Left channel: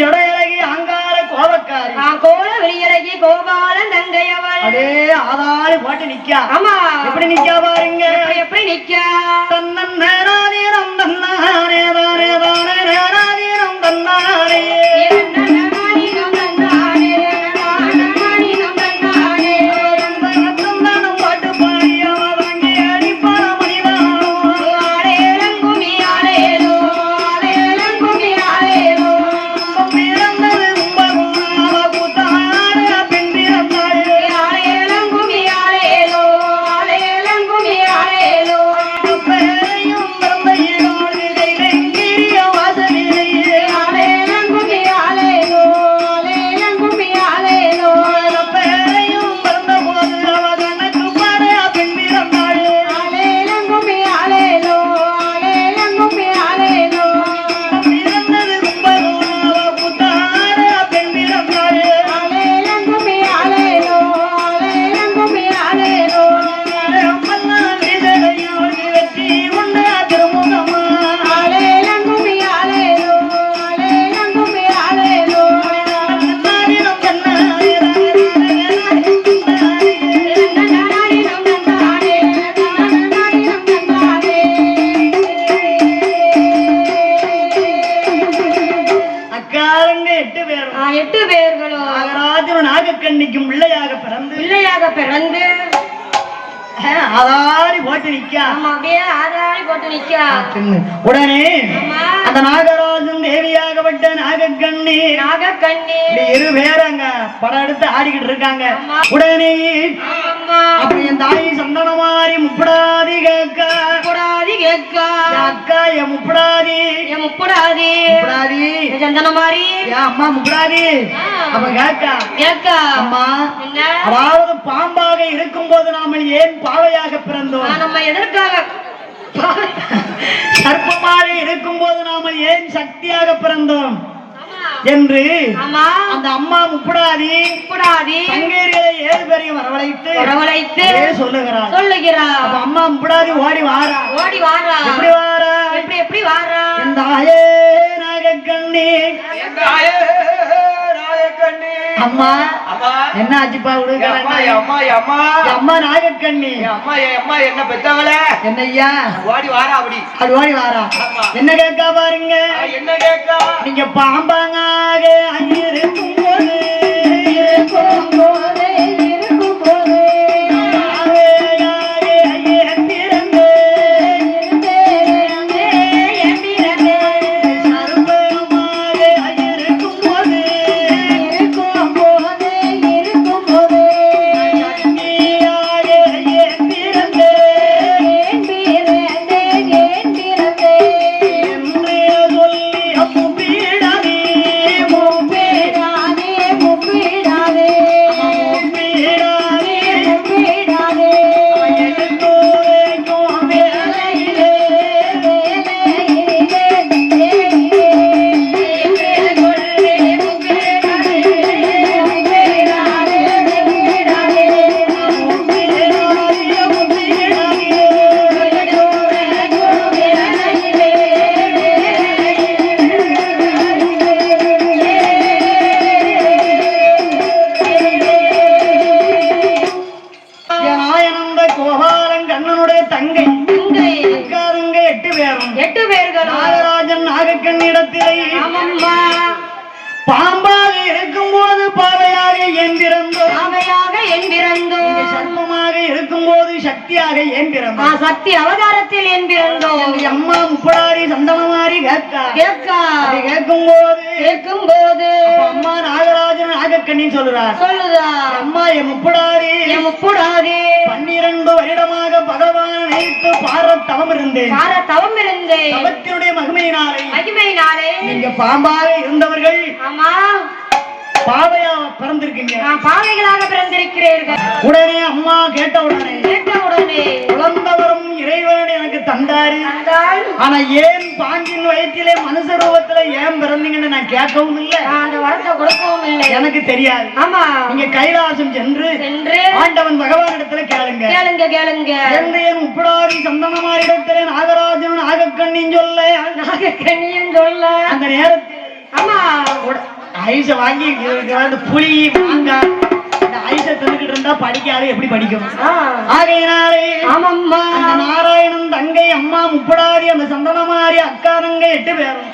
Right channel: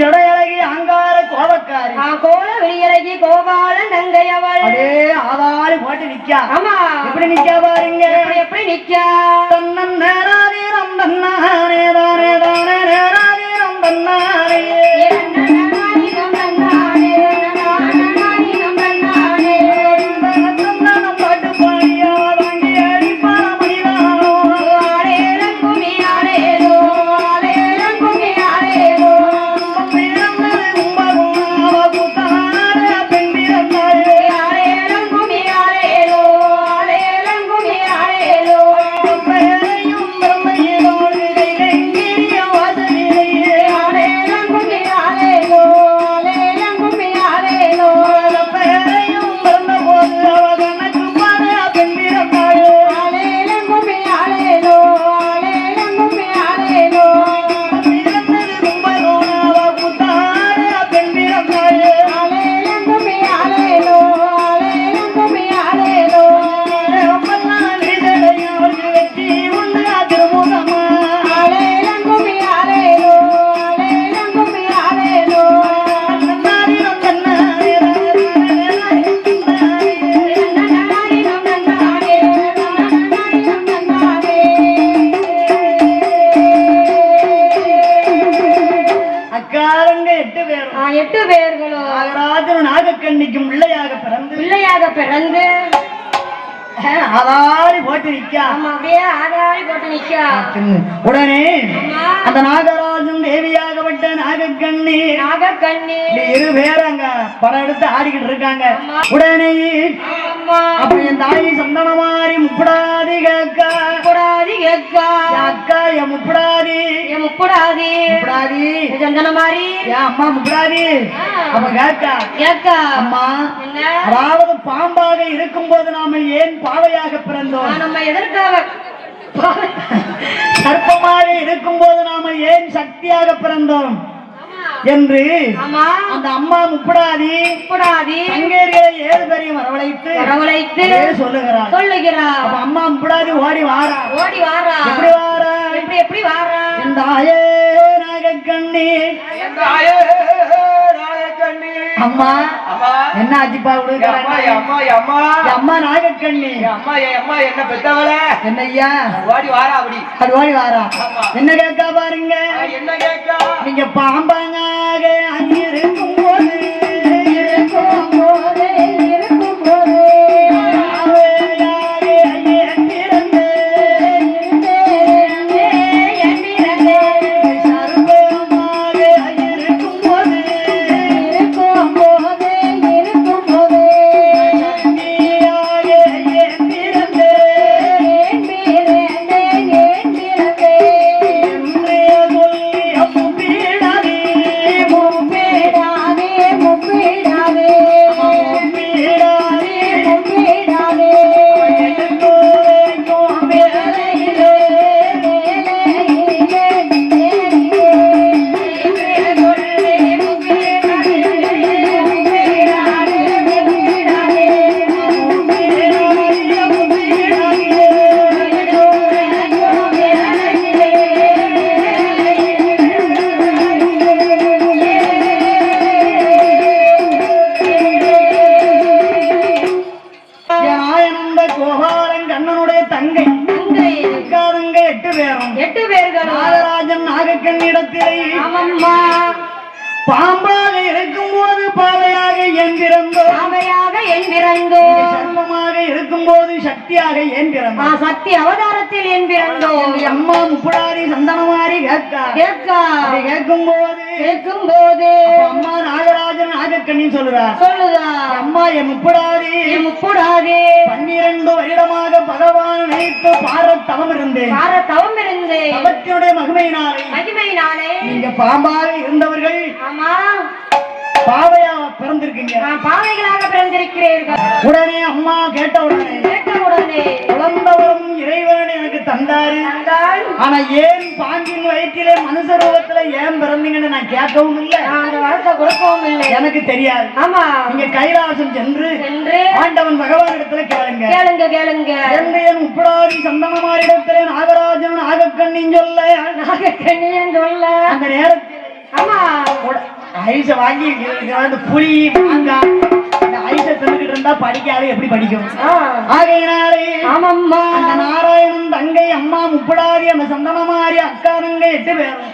ஜடையழகி அங்கார கோபக்காரி கோல வெளியழகி கோபாலன் தங்கையவள் அதே ஆதாரி போட்டு நிக்கா. ஆமா எப்படி நிக்கா பாருங்க, எப்படி நிக்கா. தன்னன் நேராதீரம் தன்னாரே தானே தானே நேராதீரம் தன்னாரே பிறந்து ஆதாரி போட்டு நிக்கா. ஆதாரி போட்டு நிக்கா. உடனே அந்த நாகராஜன் தேவியாகப்பட்ட நாகக்கண்ணி இரு பேர் அங்க படம் எடுத்து ஆடிக்கிட்டு இருக்காங்க. உடனே அப்ப என் தாய் சந்தனமாரி முப்படாதி கேக்கா அக்கா என் முப்படாதி சந்தனமாரி என் அம்மா முப்படாதி அப்ப கேக்கா அம்மா, அதாவது பாம்பாக இருக்கும் போது நாம ஏன் பாவையாக பிறந்தோம்? நம்ம எதற்காக சர்ப்பமாக இருக்கும் போது நாம ஏன் சக்தியாக பிறந்தோம் என்று அந்த அம்மா முப்படாதி தங்கையர்களை 7 பேரையும் வரவழைத்து சொல்லுகிறார். அம்மா முப்படாதி ஓடி வாரா. எப்படி வாரா? இந்த ஆயே நாகக்கண்ணி அம்மா என்ன ஆச்சுப்பா அம்மா நாகக்கண்ணி என்ன பெத்தவள என்னய்யா ஓடி வாரா. அது ஓடி வாரா. என்ன கேட்கா பாருங்க, என்ன கேட்கா? நீங்க பாம்பாங்க இருக்கும் போது பாம்பாக இருக்கும் போது பாவையாக ஏன் பிறந்தோம்? சர்ப்பமாக இருக்கும் போது சக்தியாக ஏன் பிறந்தோம்? சக்தி அவதாரத்தில் ஏன் பிறந்தோம்? அம்மா முப்படாரி சந்தனமாரி கேட்கும் போது அம்மா நாகராஜன் நாகக்கண்ணி சொல்லுதா அம்மா என் முப்படாரி 12 வருடமாக பகவான் நினைத்து பார தவம் இருந்தேன். தவத்தினுடைய மகிமையினாலே நீங்க பாம்பாக இருந்தவர்கள் பாவையாக பிறந்திருக்கீங்க. பாவைகளாக பிறந்திருக்கிறீர்கள். உடனே அம்மா கேட்ட உடனே குழந்தவரும் இறைவன் எனக்கு தந்தாரு. ஆனா ஏன் பாம்பின் வயிற்றிலே மனுஷ ரூபத்துல ஏன் பிறந்தீங்கன்னு நான் கேட்கவும் இல்லை, அந்த வரத்தை கொடுக்கவும் இல்லை, எனக்கு தெரியாது. ஆமா, நீங்க கைலாசம் சென்று ஆண்டவன் பகவான் இடத்துல கேளுங்க என்று என் முப்படாதி சந்தனமாரி இடத்துல நாகராஜன் நாகக்கண்ணின்னு சொல்ல அந்த நேரத்தில் ஆமா ஐஸ வாங்கி வந்து புளி மாங்காய் இந்த ஐஸ தின்னுக்கிட்டு இருந்தா படிக்காது எப்படி படிக்கும்? ஆகையினாலே ஆமாம்மா அந்த நாராயணன் தங்கை அம்மா முப்படாதி அந்த சந்தனமாரி அக்கா தங்கை 8 பேரும்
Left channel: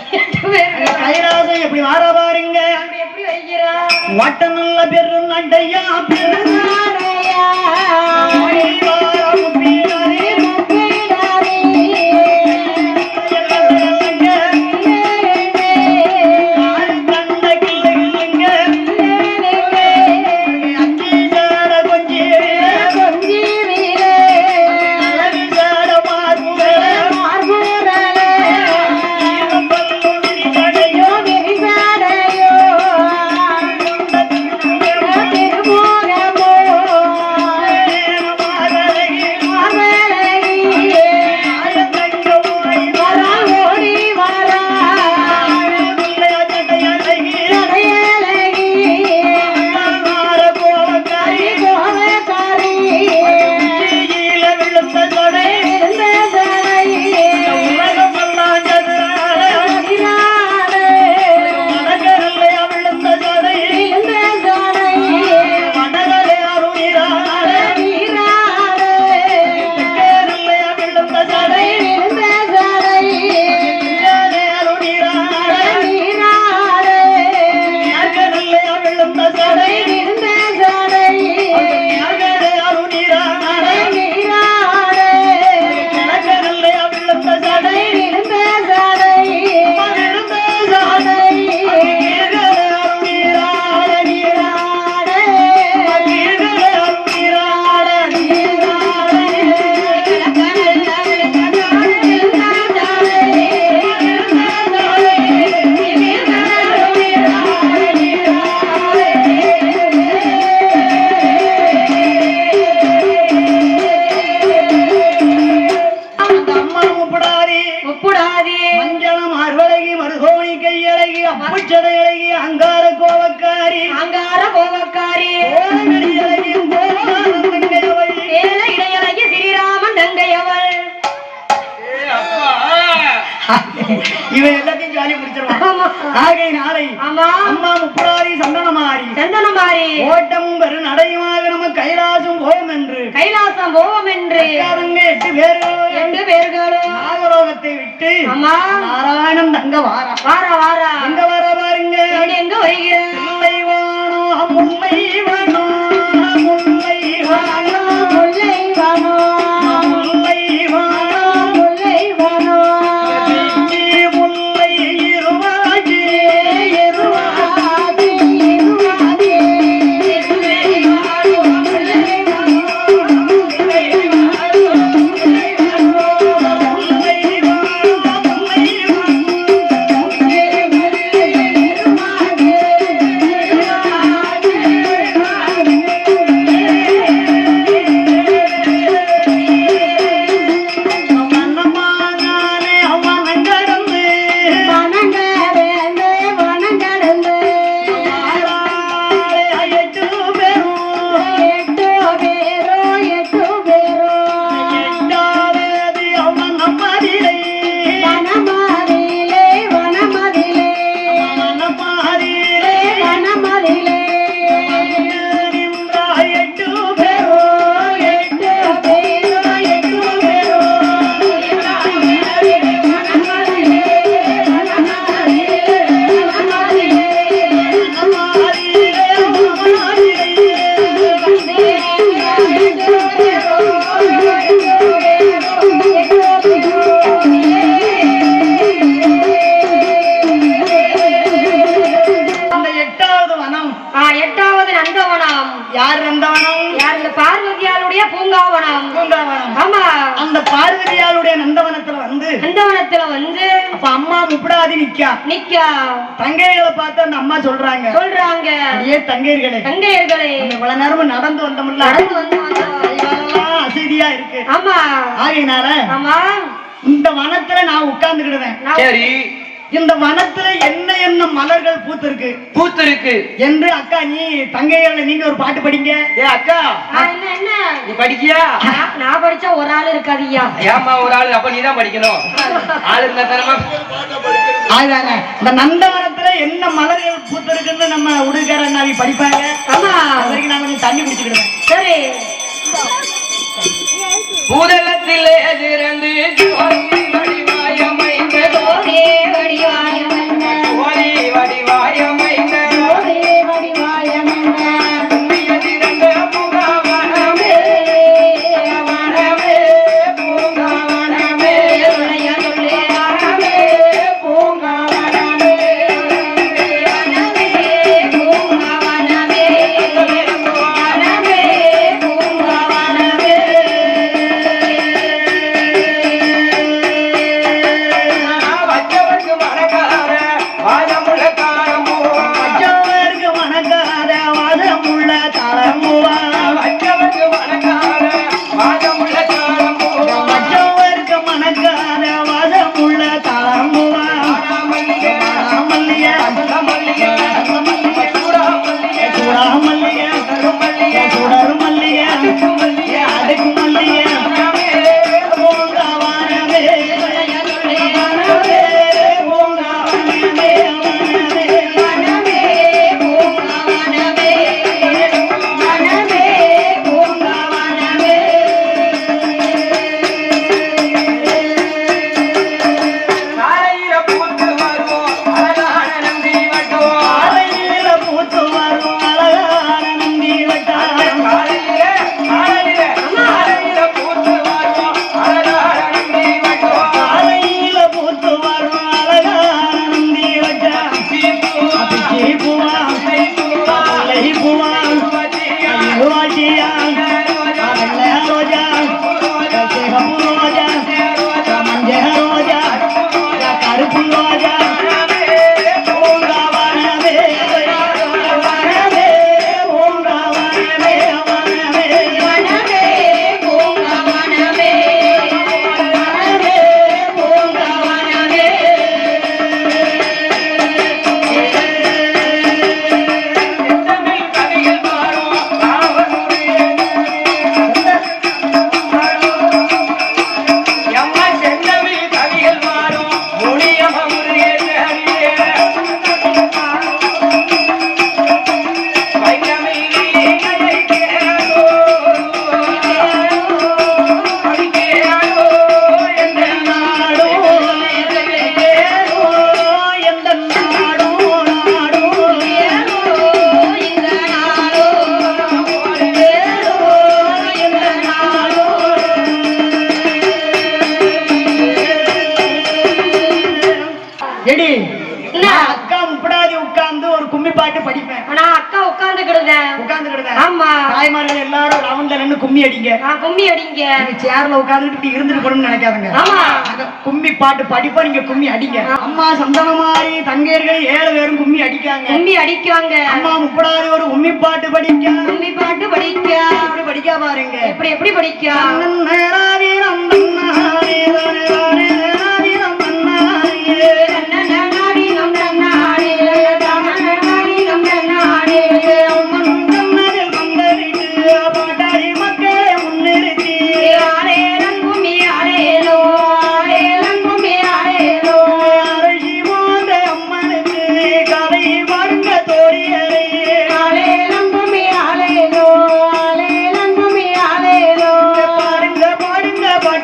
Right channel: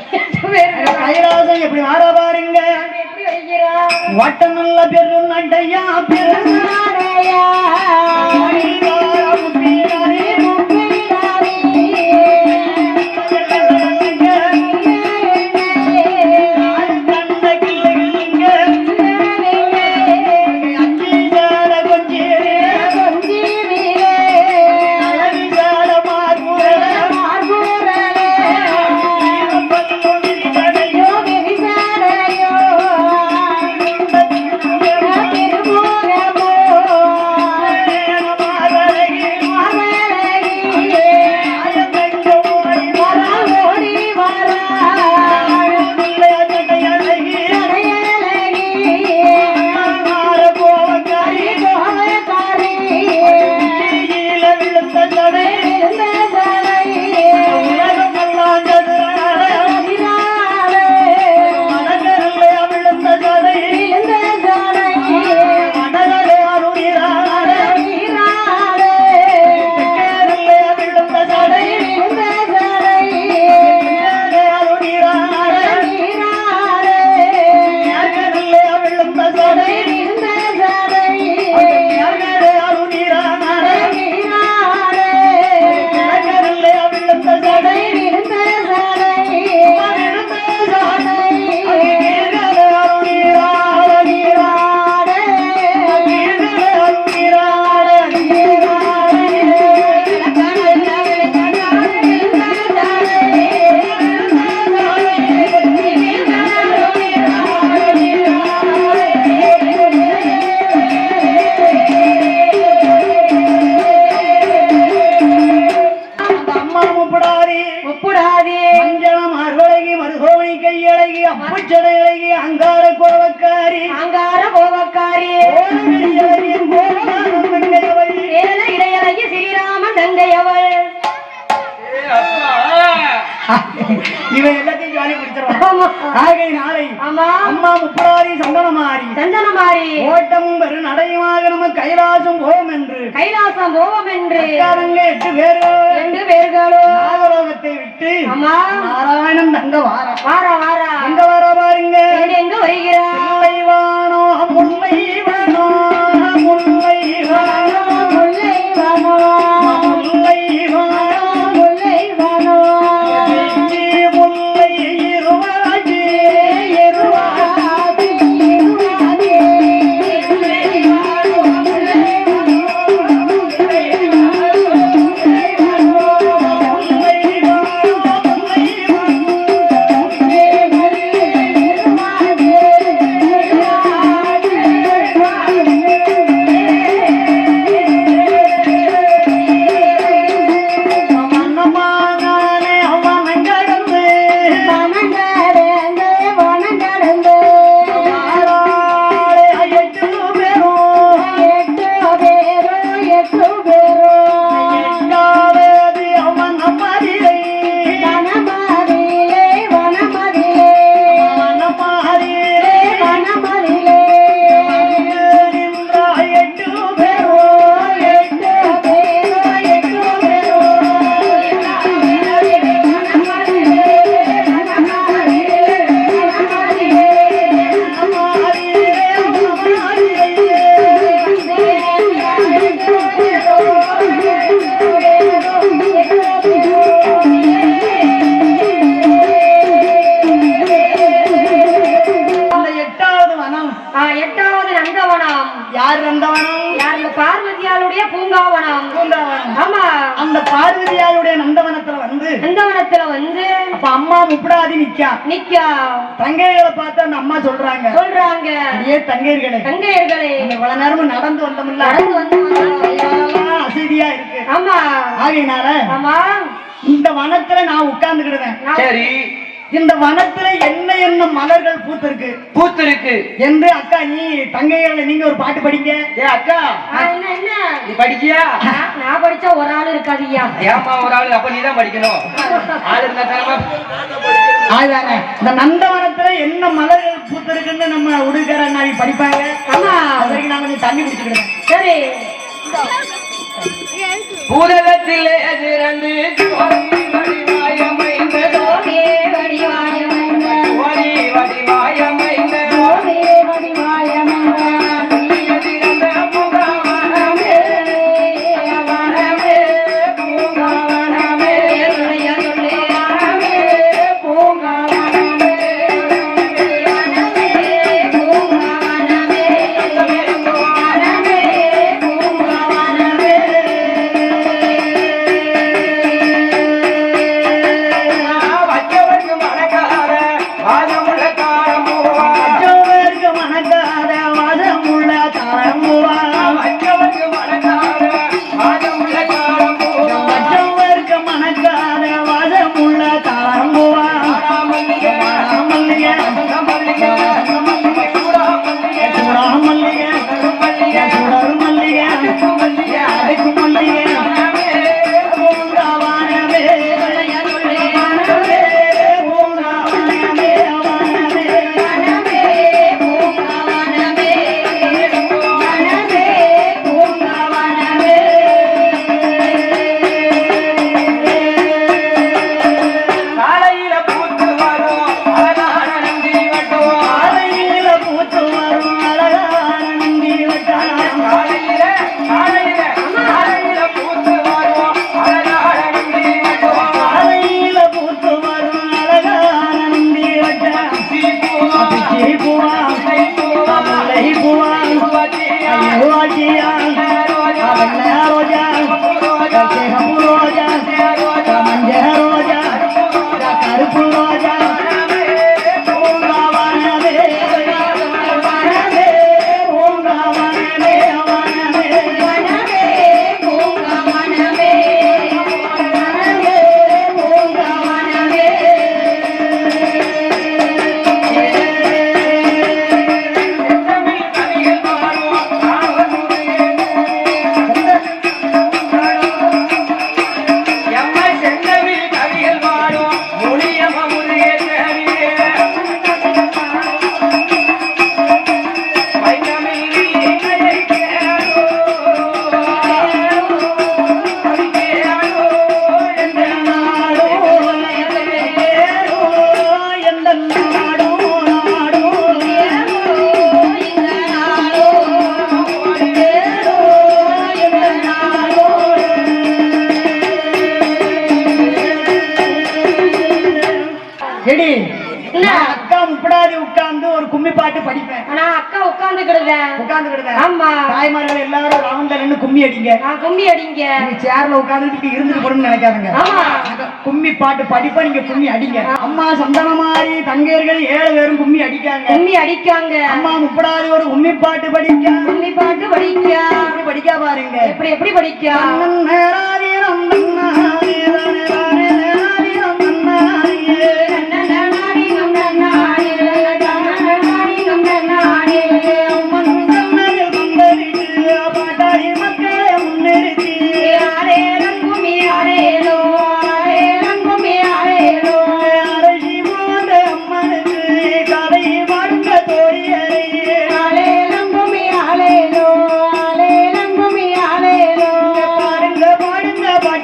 அந்த கைலாசம் எப்படி மாற பாருங்க. எப்படி வைக்கிறா வட்ட நல்ல பெரும் நண்டையா இவன் எல்லாத்தையும் ஜாலி பிடிச்சிருவான். ஆகையினாலே அம்மா முப்படாதி சந்தனமாரி ஓட்டமும் பெரு நடையுமாக நம்ம கைலாசம் போவோம் என்று 8 பேர்களும் நாகலோகத்தை விட்டு நாராயணன் தங்க வாரா எங்க வர பாருங்க. எங்க வருகிறார் முல்லைவானோ முல்லைவானோ முல்லைவானோ முல்லைவானோ முல்லைவானோ முல்லை இருவாஜி இருவாஜி இருவாஜி அப்ப அம்மா முப்படாதி நிக்கா தங்கைகளை பார்த்து அந்த அம்மா சொல்றாங்க ஏ தங்கையர்களே இவ்வளவு நேரமும் நடந்து வந்தோம்ல அசதியா இருக்கு. ஆகையினால இந்த வனத்துல நான் உட்கார்ந்துக்கிடுவேன். சரி இந்த வனத்துல என்ன என்ன மலர்கள் பூத்திருக்கு பூத்திருக்கு என்று அக்கா நீ தங்கையால நீங்க ஒரு பாட்டு படிங்க. ஏ அக்கா என்ன நீ படிக்கியா? நான் படிச்சா ஒரு ஆள் இருக்காதியா. ஏமா ஒரு ஆளு? அப்ப நீதான் படிக்கணும். ஆளு இருந்தா தரமா அதுதானே இந்த நந்தவனத்துல என்ன மலர்கள் பூத்திருக்குன்னு நம்ம உடுகர நாவி படிப்பாங்க. ஆமா. அது வரைக்கும் நான் கொஞ்சம் தண்ணி குடிச்சுக்கிடுவேன். சரி. பூதலத்திலே திறந்து ஜோதி வடிவாயமைந்த ஜோதி வடிவாயமைந்த ஜோதி வடிவாயமைந்த ஜோதி வடிவாயமைந்த திறந்த பூங்காவனமே வனமே பூங்காவனமே சொல்லி வனமே பூங்காவனமே வனமே பூங்காவனமே வனமே பூங்காவனமே வச்சவர்க்கு மனக்கார வாதமுள்ள காரம்பூவா மற்றவருக்கு மணக்காத வாசமுள்ள தாளம்பூவா. வச்சவர்க்கு மனக்கார வாதமுள்ள காரம்பூவா மற்றவருக்கு மணக்காத வாசமுள்ள தாளம்பூவா. மல்லிகை மல்லிகை மல்லிகை சூடாமல்லிகை சூடாமல்லிகை சுடர் மல்லிகை அடுக்கு மல்லிகை பூங்காவனமே வனமே பூங்காவனமே வனமே பூங்காவனமே வனமே பூங்காவனமே காலையில பூத்து வரும் அழகான நந்தி வட்டுவோம் காலையில பூத்து வரும் அழகான நந்தி வட்டாரம். காலையில பூத்து வரும் அழகான நந்தி வட்டுவோம் காலையில பூத்து வரும் அழகான நந்தி வட்டாரம். சீப்பூவா பிச்சி பூவா சீப்பூவா முல்லை பூவா வச்சியா ரோஜியா வெள்ளை ரோஜா சிகப்பு ரோஜா மஞ்சள் ரோஜா கருப்பு ரோஜா பூங்காவனமே வனமே பூங்காவனமே வனமே வனமே பூங்காவனமே வனமே பூங்காவனமே எடி என்ன? நான் அக்கா முப்படாதி உட்கார்ந்து ஒரு கும்மி பாட்டு படிப்பேன். ஆனா அக்கா உட்கார்ந்துக்கிடுதேன். உட்கார்ந்து ஆமா. தாய்மார்கள் எல்லாரும் ரவுண்ட்ல நின்னு கும்மி அடிங்க. நான் கும்மி அடிங்க. நீங்க சேர்ல உட்கார்ந்துட்டு இருந்துட்டு போறோம்னு நினைக்காதுங்க. ஆமா. கும்மி பாட்டு படிப்பா நீங்க கும்மி அடிங்க. அம்மா சந்தனமாரி தங்கையர்கள் 7 பேரும் கும்மி அடிக்காங்க. கும்மி அடிக்காங்க. அம்மா முப்படாதி ஒரு கும்மி பாட்டு படிக்க. கும்மி பாட்டு படிக்க. இப்படி படிக்க பாருங்க. எப்படி படிக்க? பாடுங்க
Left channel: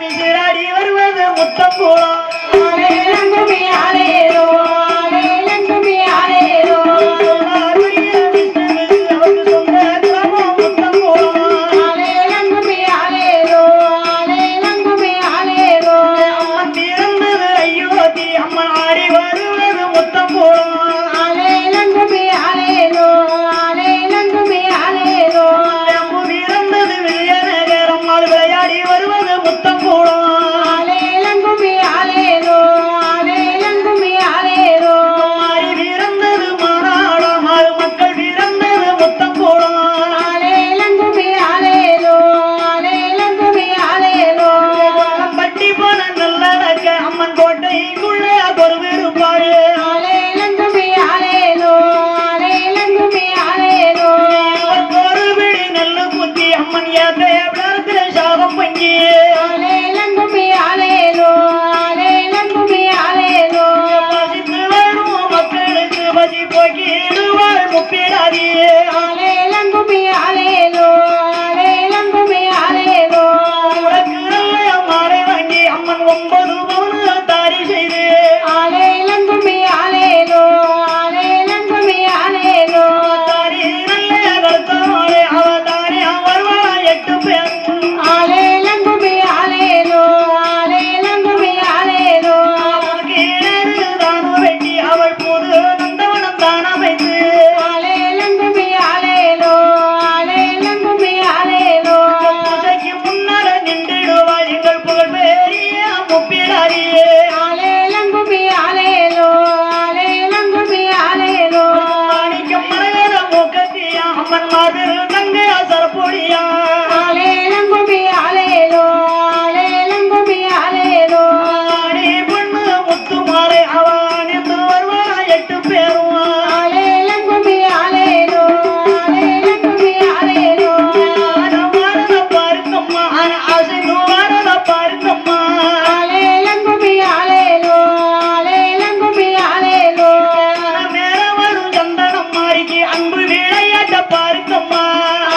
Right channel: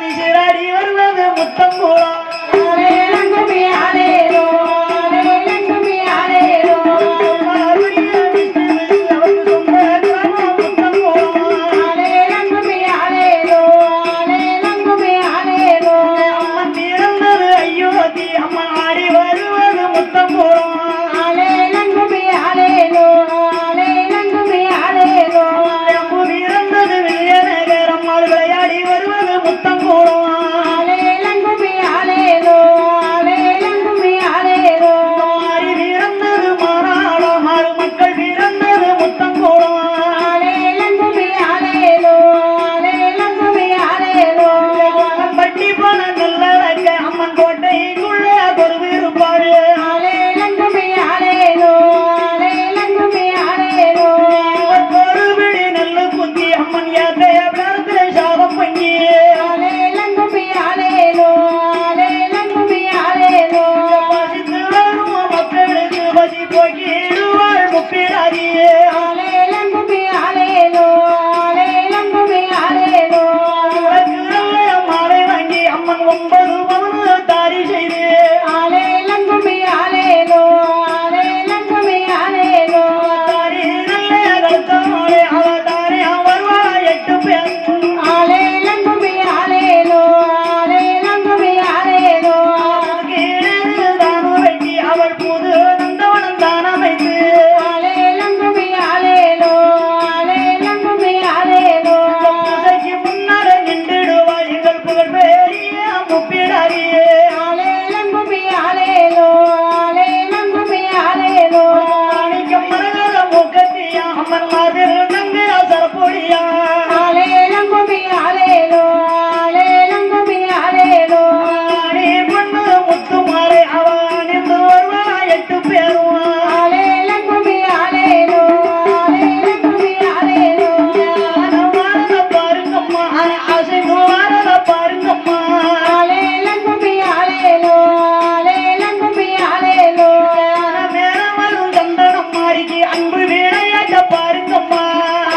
நீராடி வருவது முத்தம் கூடம் ஆலேலங்குமி ஆலேலோ ஆலேலங்குமி ஆலேலோ அவருக்கு சொந்த கிராமம் முத்தம் கூடம் ஆலேலங்குமி ஆலேலோ ஆலேலங்குமி ஆலேலோ அம்மன் பிறந்தது அயோத்தி அம்மன் ஆடி வருவது முத்தம் கூடம் ஆலேலங்குமி ஆலேலோ ஆலேலங்குமி ஆலேலோ அம்பு பிறந்தது விஜயநகர் அம்மாள் விளையாடி வருவது முத்தம் கூடம் ஆலேலங்குமி ஆலேலோ ஆலேலங்குமி ஆலேலோ மாறி பிறந்தது மாநாடம் ஆறு மக்கள் பிறந்தது முத்தம் கூடம் ஆலேலங்குமி ஆலேலோ ஆலேலங்குமி ஆலேலோ பட்டி போன நல்லடக்க அம்மன் கோட்டைக்குள்ளே ஒரு விருப்பாரு ஆலேலங்குமி ஆலேலோ ஆலேலங்குமி ஆலேலோ ஒரு பிடி நல்ல புத்தி அம்மன் யாத்தைய பிறத்துல சாதம் பண்ணி ஆலேலங்குமி ஆலேலோ ஆலேலங்குமி ஆலேலோ பசித்து வரும் மக்களுக்கு பசி போக்கிடுவாள் முப்பிடாரி ஆலேலங்குமி ஆலேலோ ஆலேலங்குமி ஆலேலோ உனக்கு நல்ல மாலை வாங்கி அம்மன் 9 பவுன் தாரி செய்து ஆலேலங்குமி ஆலேலோ ஆலேலங்குமி ஆலேலோ தாரி நல்ல கருத்த மாலை அவ தாரியா வருவா 8 பேர் ஆலேலங்குமி ஆலேலோ ஆலேலங்குமி ஆலேலோ தானம் வெட்டி அவள் புது நந்தவனம் தானம் வைத்து ஆலேலங்குமி ஆலேலோ ஆலேலங்குமி ஆலேலோ பூஜைக்கு முன்னாலே நின்றிடுவா எங்கள் புகழ் பெரிய முப்பிடாரியே ஆலேலங்குமி ஆலேலோ ஆலேலங்குமி ஆலேலோ மாணிக்கம் மலையத மூக்கத்தியா அம்மன் மாதிரி தங்கையா சரப்பொடியா ஆலேலங்குமி ஆலேலோ ஆலேலங்குமி ஆலேலோ ஆடி பொண்ணு முத்து மாலை அவ அணிந்து வருவா 8 பேரும் ஆலேலங்குமி ஆலேலோ ஆலேலங்குமி ஆலேலோ வாரத பாருங்கம்மா அசைந்து வாரத பாருங்கம்மா ஆலேலங்குமி ஆலேலோ ஆலேலங்குமி ஆலேலோ மேல வரும் சந்தனம் மாறிக்கு அன்பு விளையாட்ட பாருங்கம்மா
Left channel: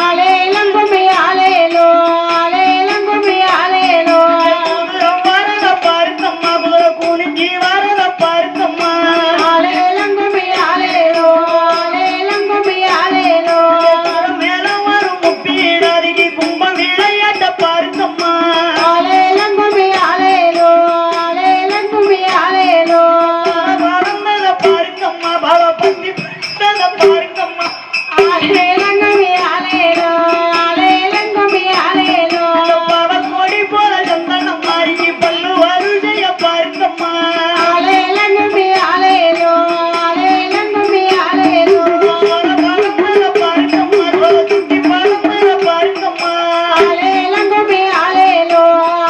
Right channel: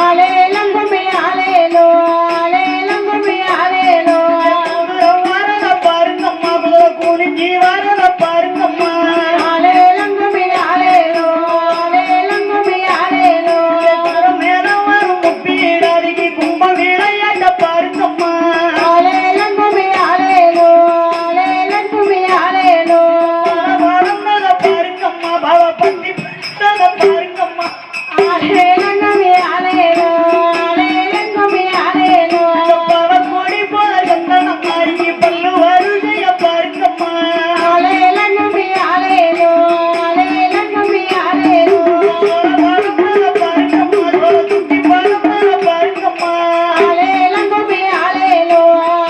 ஆலேலங்குமி ஆலேலோ ஆலேலங்குமி ஆலேலோ வாரத பாருங்கம்மா குதிரை குனிஞ்சி வாரத பாருங்கம்மா ஆலேலங்குமி ஆலேலோ ஆலேலங்குமி ஆலேலோ மேல வரும் முப்பீடாதிக்கு கும்பம் விளையாட்ட பாருங்கம்மா ஆலேலங்குமி ஆலேலோ ஆலேலங்குமி ஆலேலோ வாழ்ந்தத பாருங்கம்மா பல பத்தி பட்டத பாருங்கம்மா ஆலேலங்குமி ஆலேலோ ஆலேலங்குமி ஆலேலோ பல கோடி போல சந்தனம் மாறிக்கு பல்லு வரிசைய பாருங்கம்மா ஆலேலங்குமி ஆலேலோ ஆலேலங்குமி ஆலேலோ வாழ்ந்தத பாருங்கம்மா சுத்தி பாருந்தத பாருங்கம்மா ஆலேலங்குமி ஆலேலோ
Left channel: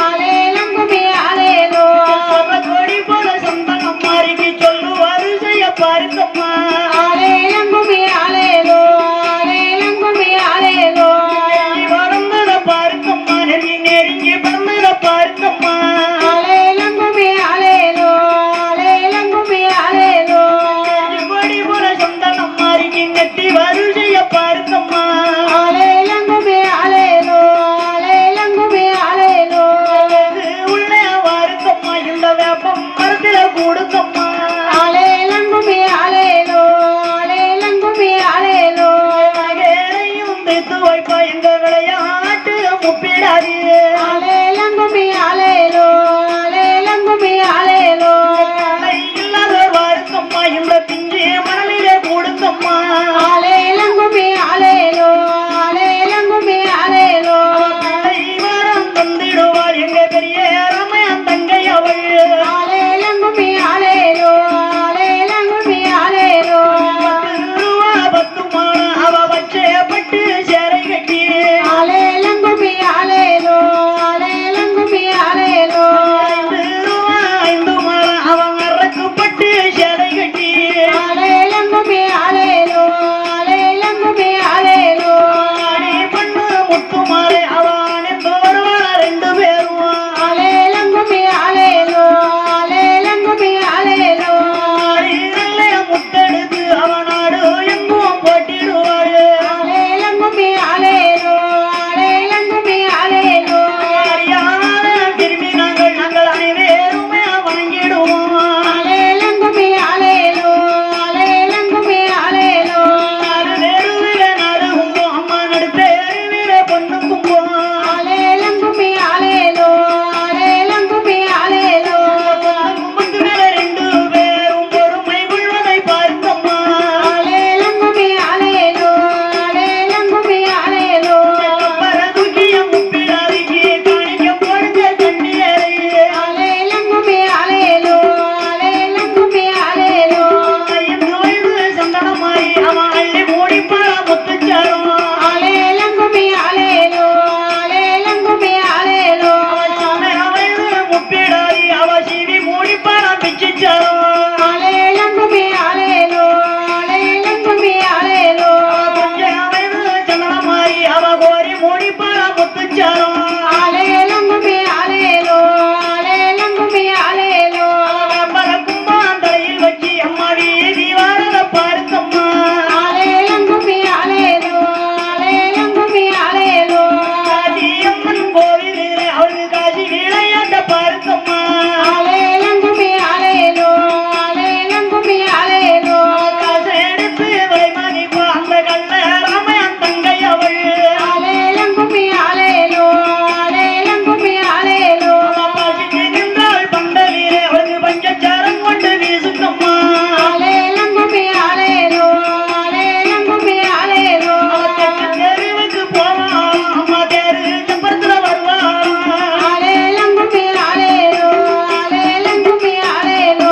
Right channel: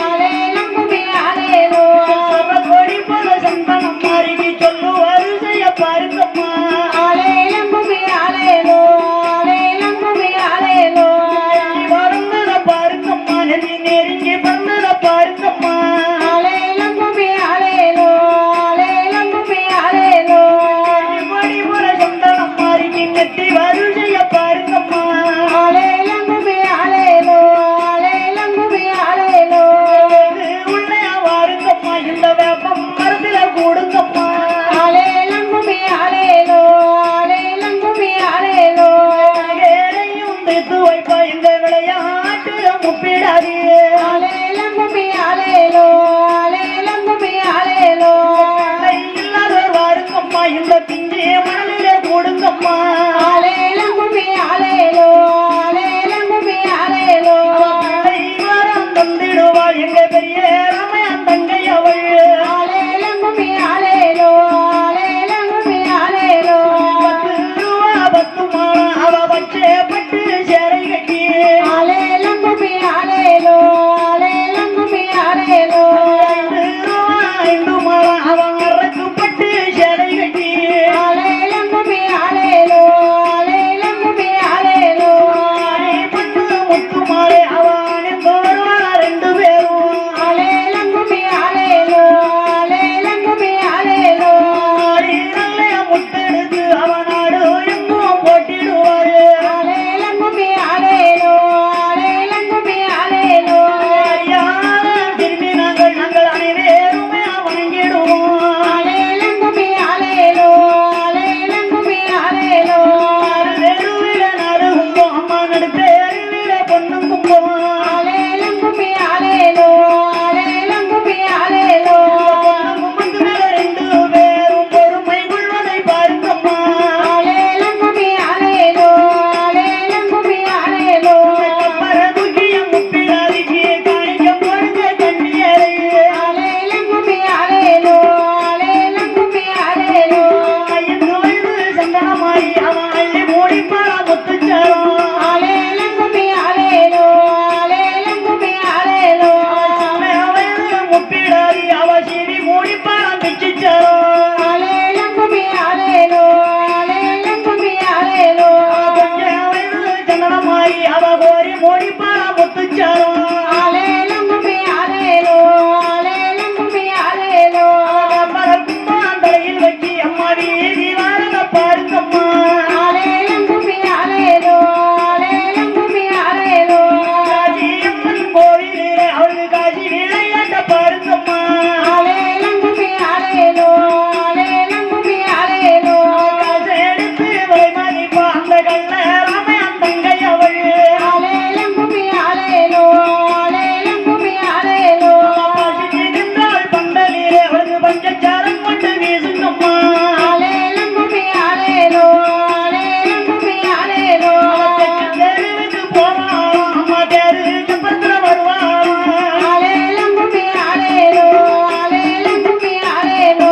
ஆலேலங்குமி ஆலேலோ பல கோடி போல சந்தனம் மாறிக்கு சொல்லு வரிசைய பாருங்கம்மா ஆலேலங்குமி ஆலேலோ ஆலேலங்குமி ஆலேலோ வாழ்ந்தத பாருங்கம்மா நெருங்கி பறந்தத பாருங்கம்மா ஆலேலங்குமி ஆலேலோ ஆலேலங்குமி ஆலேலோ கோடி போல சந்தனம் மாறிக்கு நெத்தி வரிசைய பாருங்கம்மா ஆலேலங்குமி ஆலேலோ ஆலேலங்குமி ஆலேலோ உள்ள வாருங்கம்மா இந்த வேப்பம் மரத்துல கூடுங்கம்மா ஆலேலங்குமி ஆலேலோ ஆலேலங்குமி ஆலேலோ ஏழையும் வைத்து வைப்பா இந்த விளையாட்டு முப்பிடாதே ஆலேலங்குமி முத்துச்சாரோ ஆலேலங்குமே ஆலேலோ ஆலேலங்குமே ஆலேலோ சந்தனமாகி அவ கோரி மொழிப்பாரா முத்துச்சாரோ ஆலேலங்குமே ஆலேலோ ஆலேலங்குமே ஆலேலோ கும்பாந்தலையில் வச்சு அம்மாடி தீவாரத பாருங்கம்மா ஆலேலங்குமே ஆலேலோ ஆலேலங்குமே ஆலேலோ காசி அம்மன் கோவிலில் அவளுக்கு காசி விளையாட்ட பாருங்கம்மா ஆலேலங்குமே ஆலேலோ ஆலேலங்குமே ஆலேலோ காசு எடுத்து வைமதிப்பா அந்த கல்ல ராமன் தங்கை அவள் ஆலேலங்குமே ஆலேலோ ஆலேலங்குமே ஆலேலோ பாசிக்கு நின்றாள் பந்தலிலே அவளுக்கு பஞ்சச்சாரம் கொண்டு வீசுங்கம்மா ஆலேலங்குமே ஆலேலோ ஆலேலங்குமே ஆலேலோ தெருவுக்கு போவா அம்மா தேரு செப்பத்துல வருவா ஆலேலங்குமே ஆலேலோ ஆலேலங்குமே ஆலேலோ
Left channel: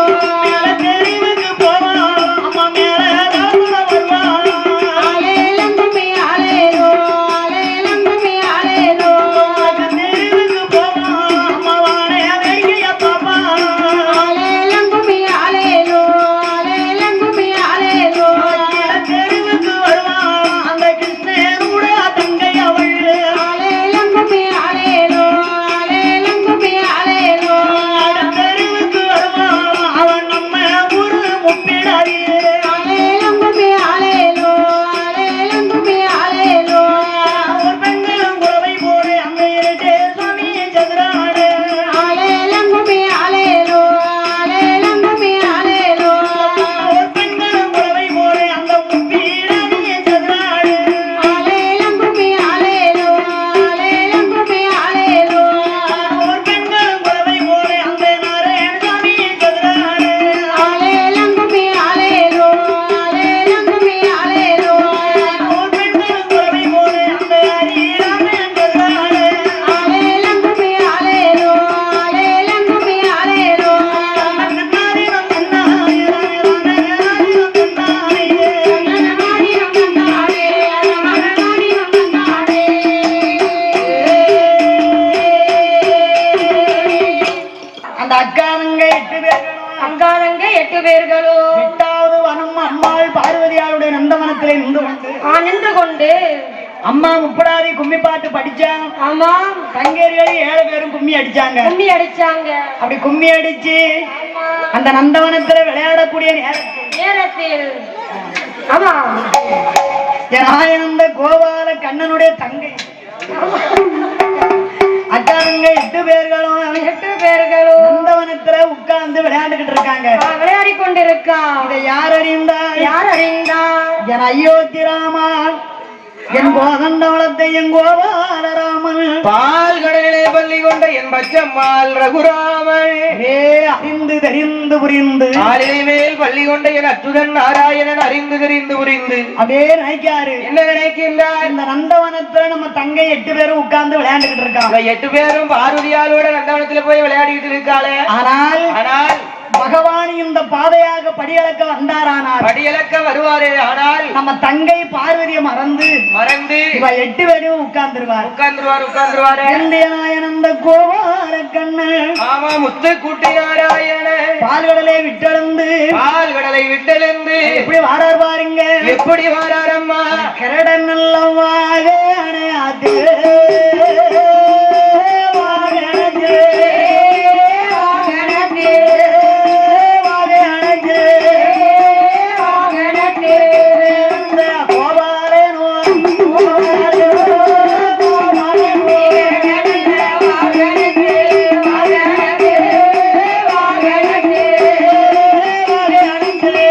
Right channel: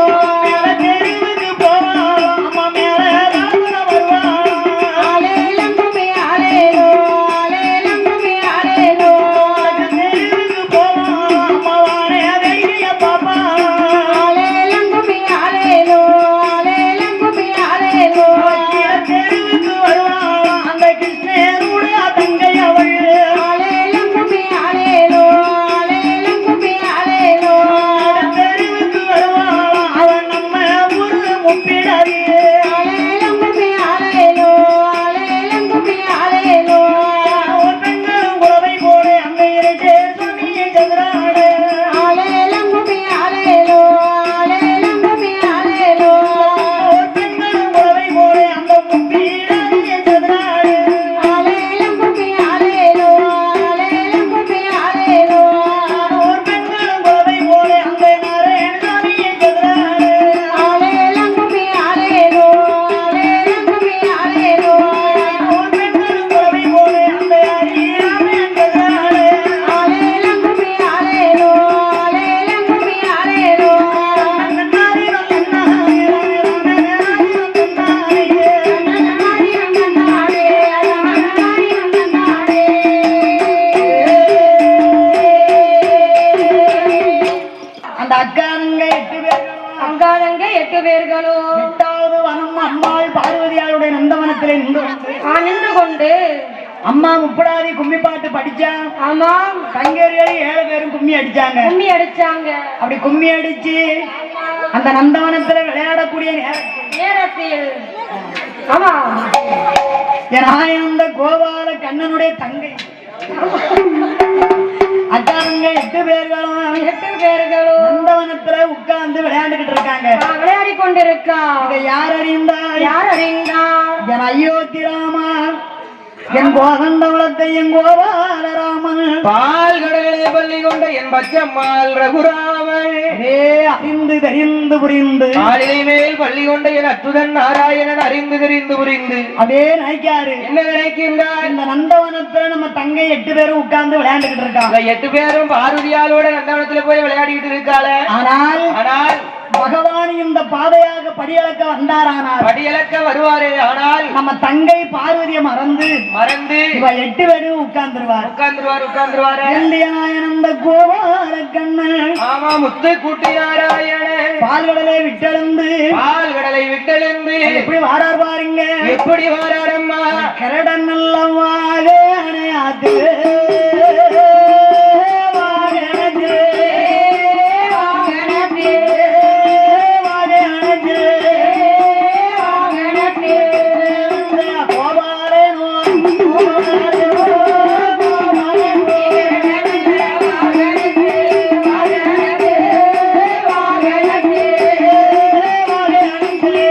தெருவுக்கு போவா அம்மா மேல தாத்துல வருவா ஆலேலங்குமே ஆலேலோ ஆலேலங்குமே ஆலேலோ தெருவுக்கு போவா அம்மா வானே வேடிக்கைய பாப்பா ஆலேலங்குமே ஆலேலோ ஆலேலங்குமே ஆலேலோ தெருவுக்கு வருவா அந்த கிருஷ்ணனோட தங்கை அவள் ஆலேலங்குமே ஆலேலோ ஆலேலங்குமே ஆலேலோ தெருவுக்கு வருவா அவன் நம்ம ஊரு முப்பிடாதே ஆலேலங்குமே ஆலேலோ ஆலேலங்குமே ஆலேலோ ஒரு பெண்கள் உறவை போடு அந்த இரட்டே சுவாமி சந்திராடு ஆலேலங்குமே ஆலேலோ ஆலேலங்குமே ஆலேலோ ஒரு பெண்கள் உறவை போடு அந்த முப்பிடாதே சந்திராடு ஆலேலங்குமே ஆலேலோ ஆலேலங்குமே ஆலேலோ ஒரு பெண்கள் உறவை போடு அந்த நாராயண சுவாமி சந்திராடு ஆலேலங்குமே ஆலேலோ ஆலேலங்குமே ஆலேலோ ஒரு பெண்கள் உறவை போடு அந்த ஹரிராமன் சந்திராடு ஆலேலங்குமே ஆலேலோ ஆலேலங்குமே ஆலேலோ அந்த அக்கானுங்க 8 பேர் அங்காரங்க 8 பேர்களும் 8வது வனம் அம்மாள் பார்வதியாளுடைய நந்தவனத்திலே நின்று கொண்டு அம்மா முப்படாதி கும்மி பாட்டு படிச்சா ஆமா தங்கேரிகள் 7 பேரும் கும்மி அடிச்சாங்க கும்மி அடிச்சாங்க அப்படி கும்மி அடிச்சு அந்த நந்தவனத்துல விளையாடக்கூடிய நேரத்தில் ஆமா ஜனாயனந்த கோபால கண்ணனுடைய தங்கை அக்கானுங்க 8 பேர்களும் 8 பேர்களும் நந்தவனத்துல உட்கார்ந்து விளையாண்டுகிட்டு இருக்காங்க விளையாடி கொண்டிருக்கா இதை யார் அறிந்தா யார் அறிந்தா என் அயோத்தி ராமா என் கோதண்டவளத்தை என் கோபாலராமன் பால் கடலிலே பள்ளி கொண்ட என் பச்சம்மாள் ரகுராமன் ஏ அறிந்து தெரிந்து புரிந்து ஆளிலை மேல் பள்ளி கொண்ட என் அத்துடன் நாராயணன் அறிந்து தெரிந்து புரிந்து அதே நினைக்காரு என்ன நினைக்கின்றார் இந்த நந்தவனத்துல நம்ம தங்கை 8 பேரும் உட்கார்ந்து விளையாண்டுகிட்டு இருக்காங்க இந்த 8 பேரும் பார்வதியாலோட நந்தவனத்துல போய் விளையாடிட்டு இருக்காளே ஆனால் பகவான் இந்த பாதையாக படியளக்க வந்தாரானார் படியளக்க வருவாரே ஆனால் நம்ம தங்கை பார்வதியை மறந்து இவ 8 பேரும் உட்கார்ந்துருவார் உட்கார்ந்துருவாரு நாயனந்த கோபால கண்ணன் ஆமா முத்து கூட்டி நாராயணனே பால்கடலை விட்டெழுந்து பால் கடலை விட்டெழுந்து எப்படி வாரார் பாருங்க எப்படி வாராரம்மா கரடன் நல்ல வாகே அணையாதே வாகனதே வாகனதே வாகனதே வாகனதே கோபாலே நோ கோபாலே கோபாலே வாகனதே வாகனதே வாகனதே வாகனதே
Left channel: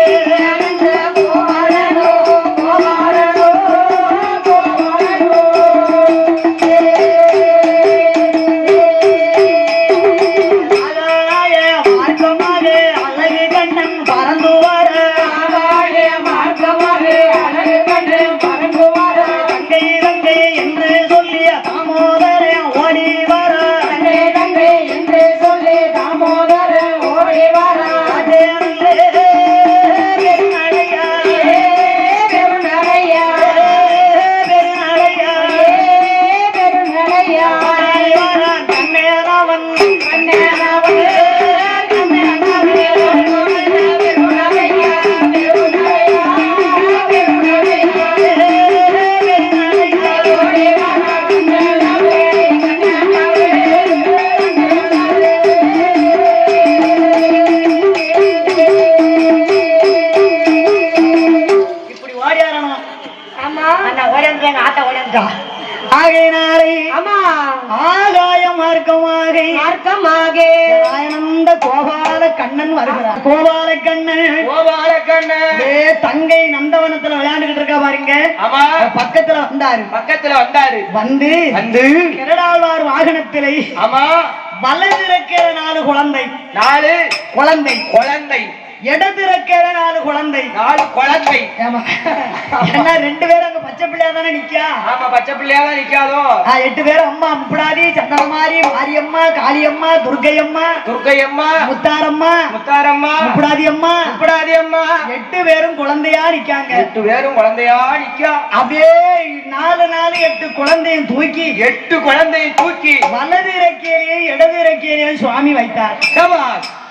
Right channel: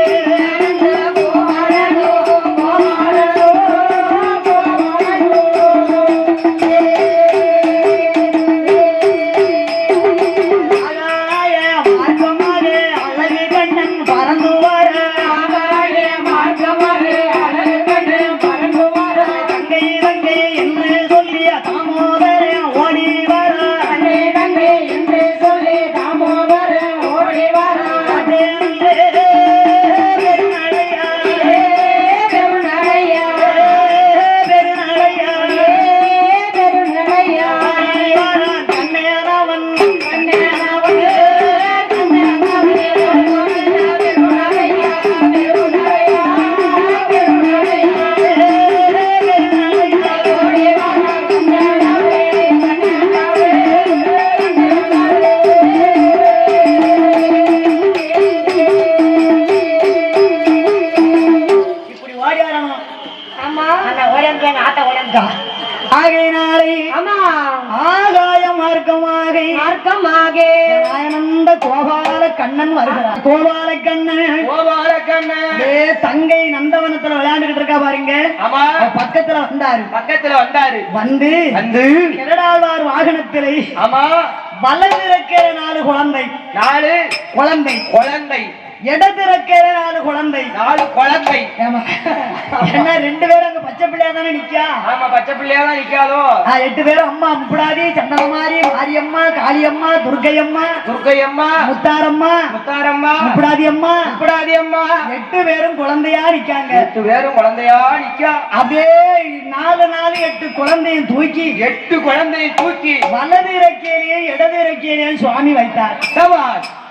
மார்க்கமாக மார்க்கமாக ஆனந்த கோபால கண்ணன் வருகிறார். கோபால கண்ணன் கோபால கண்ணன் தங்கை நந்தவனத்துல விளையாண்டுகிட்டு இருக்கா பாருங்க. ஆமா பக்கத்துல வந்தாரு. பக்கத்துல வந்தாரு. வந்து கிரடாழ்வார் வாகனத்திலே ஆமா வலதிருக்கிற 4 குழந்தை. 4 குழந்தை குழந்தை. இடதிருக்கிற 4 குழந்தை. 4 குழந்தை. ஏன்னா 2 பேரும் அங்க பச்சை பிள்ளையா தானே நிக்கா. ஆமா பச்சை பிள்ளையா தான் நிக்காதோ. 8 பேரும் அம்மா முப்படாதி, சந்தனமாரி, மாரியம்மா, காளியம்மா, துர்க்கையம்மா, துர்க்கையம்மா, முத்தாரம்மா, முத்தாரம்மா, முப்படாதி அம்மா, முப்படாதி அம்மா. 8 பேரும் குழந்தையா நிக்காங்க. 8 பேரும் குழந்தையா நிக்கா. அப்படியே 4 8 குழந்தையும் தூக்கி 8 குழந்தையும் தூக்கி வலது இறக்கையிலேயும் இடது இறக்கையிலேயும் சுவாமி வைத்தார்.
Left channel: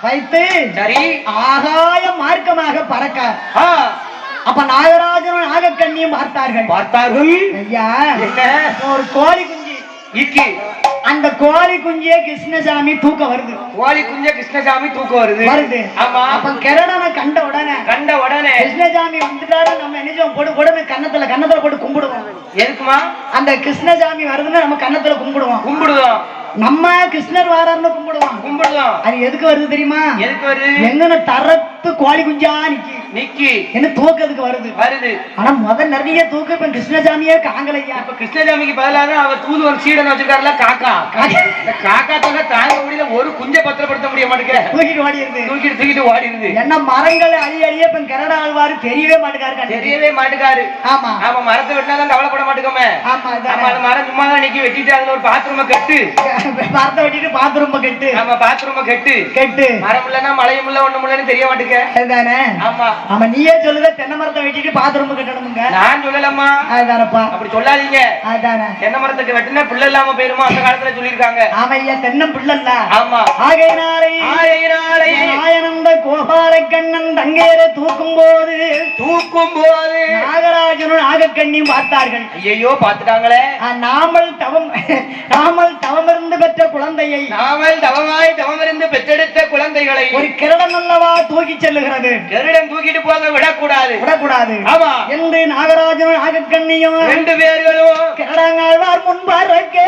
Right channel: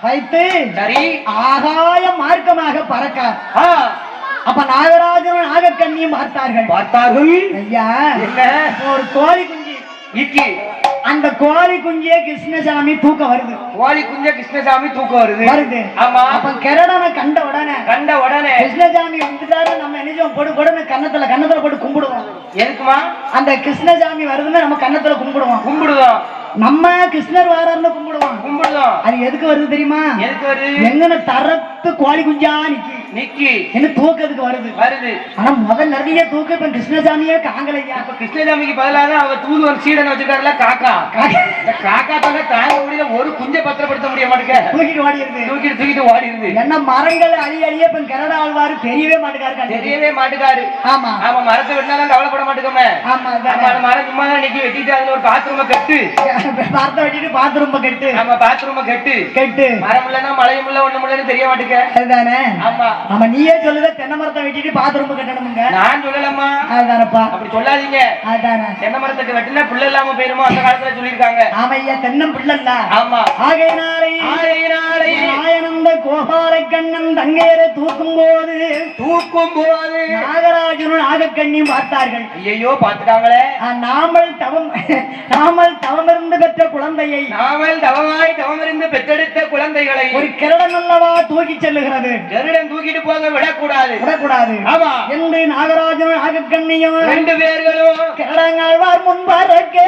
வைத்து சரி ஆகாய மார்க்கமாக பறக்க அப்ப நாகராஜனும் நாகக்கண்ணியும் பார்த்தார்கள். ஐயா ஒரு கோழி குஞ்சு இக்கி அந்த கோழி குஞ்சிய கிருஷ்ணசாமி தூக்க வருது. கோழி குஞ்ச கிருஷ்ணசாமி தூக்க வருது. ஆமா அப்ப கிரடனை கண்ட உடனே கிருஷ்ணசாமி வந்துட்டாரு. நம்ம என்ன போடு கன்னத்துல போட்டு கும்பிடுவோம். எதுக்குமா? அந்த கிருஷ்ணசாமி வருதுன்னு நம்ம கன்னத்துல கும்பிடுவோம். நம்ம கிருஷ்ணர் வாரார்னு கும்பிடுவோம். அது எதுக்கு வருது தெரியுமா? எதுக்கு வருது? எங்கன தரத்து கோழி குஞ்சா நிக்கி என்ன தூக்கிறதுக்கு வருது. ஆனா முதல் நிறைய தூக்க இப்ப கிருஷ்ணசாமியே காங்கலையா. இப்ப கிருஷ்ணசாமிக்கு பதிலாக அவர் தூது ஒரு சீடனை வச்சிருக்காருல காக்கா தாங்க தாங்க முடியல. ஒரு குஞ்சை பத்திரப்படுத்த முடிய மாட்டேங்க. தூக்கிட்டு ஓடி இருந்து என்ன மரங்கள் அழிய இப்ப கரட ஆழ்வாரு தெரியவே மாட்டுக்காரு. ஆமா ஆமா மரத்தை வெட்டினாலும் கவலைப்பட மாட்டேங்கோமே. ஆமா மரம் சும்மா தான் நிக்கி வெட்டிட்டு அதுல ஒரு பாத்ரூம கட்டு பார்த்த வெட்டிட்டு பாத்ரூம கட்டு. ஆமா பாத்ரூம கட்டு மரம் இல்லன்னா மழையும் இல்ல ஒண்ணும் இல்லன்னு தெரிய மாட்டேங்க. ஆமா ஆமா நீயே சொல்லுத தென்னை மரத்தை வெட்டிட்டு பாத்ரூம் கட்டணுங்க. நான் சொல்லலம்மா. அதானப்பா அப்படி சொல்லாதீங்க. அதானே தென்னை மரத்துக்கு வெட்டினா பிள்ளை இல்லாம போயிருமோ அந்த காலத்துல சொல்லிருக்காங்க. ஆமா ஐயா தென்னம் பிள்ளை இல்ல. ஆமா ஆகையினாலே ஆயனந்த கோபால கண்ணன் தங்கேரை தூக்கும் போது நாகராஜனும் நாகக்கண்ணியும் பார்த்தார்கள். ஐயோ பார்த்துட்டாங்களே. நாமல் தவமிருந்து பெற்ற குழந்தையை தவமிருந்து பெற்றெடுத்த குழந்தைகளை ஒரு கிரடம் அல்லவா தூக்கி செல்லுகிறது. கருடன் தூக்கிட்டு போக விடக்கூடாது. ஆமா என்று நாகராஜனும் நாகக்கண்ணியும் 2 பேர்களும் கிரடங்காழ்வார் முன்பாரக்கே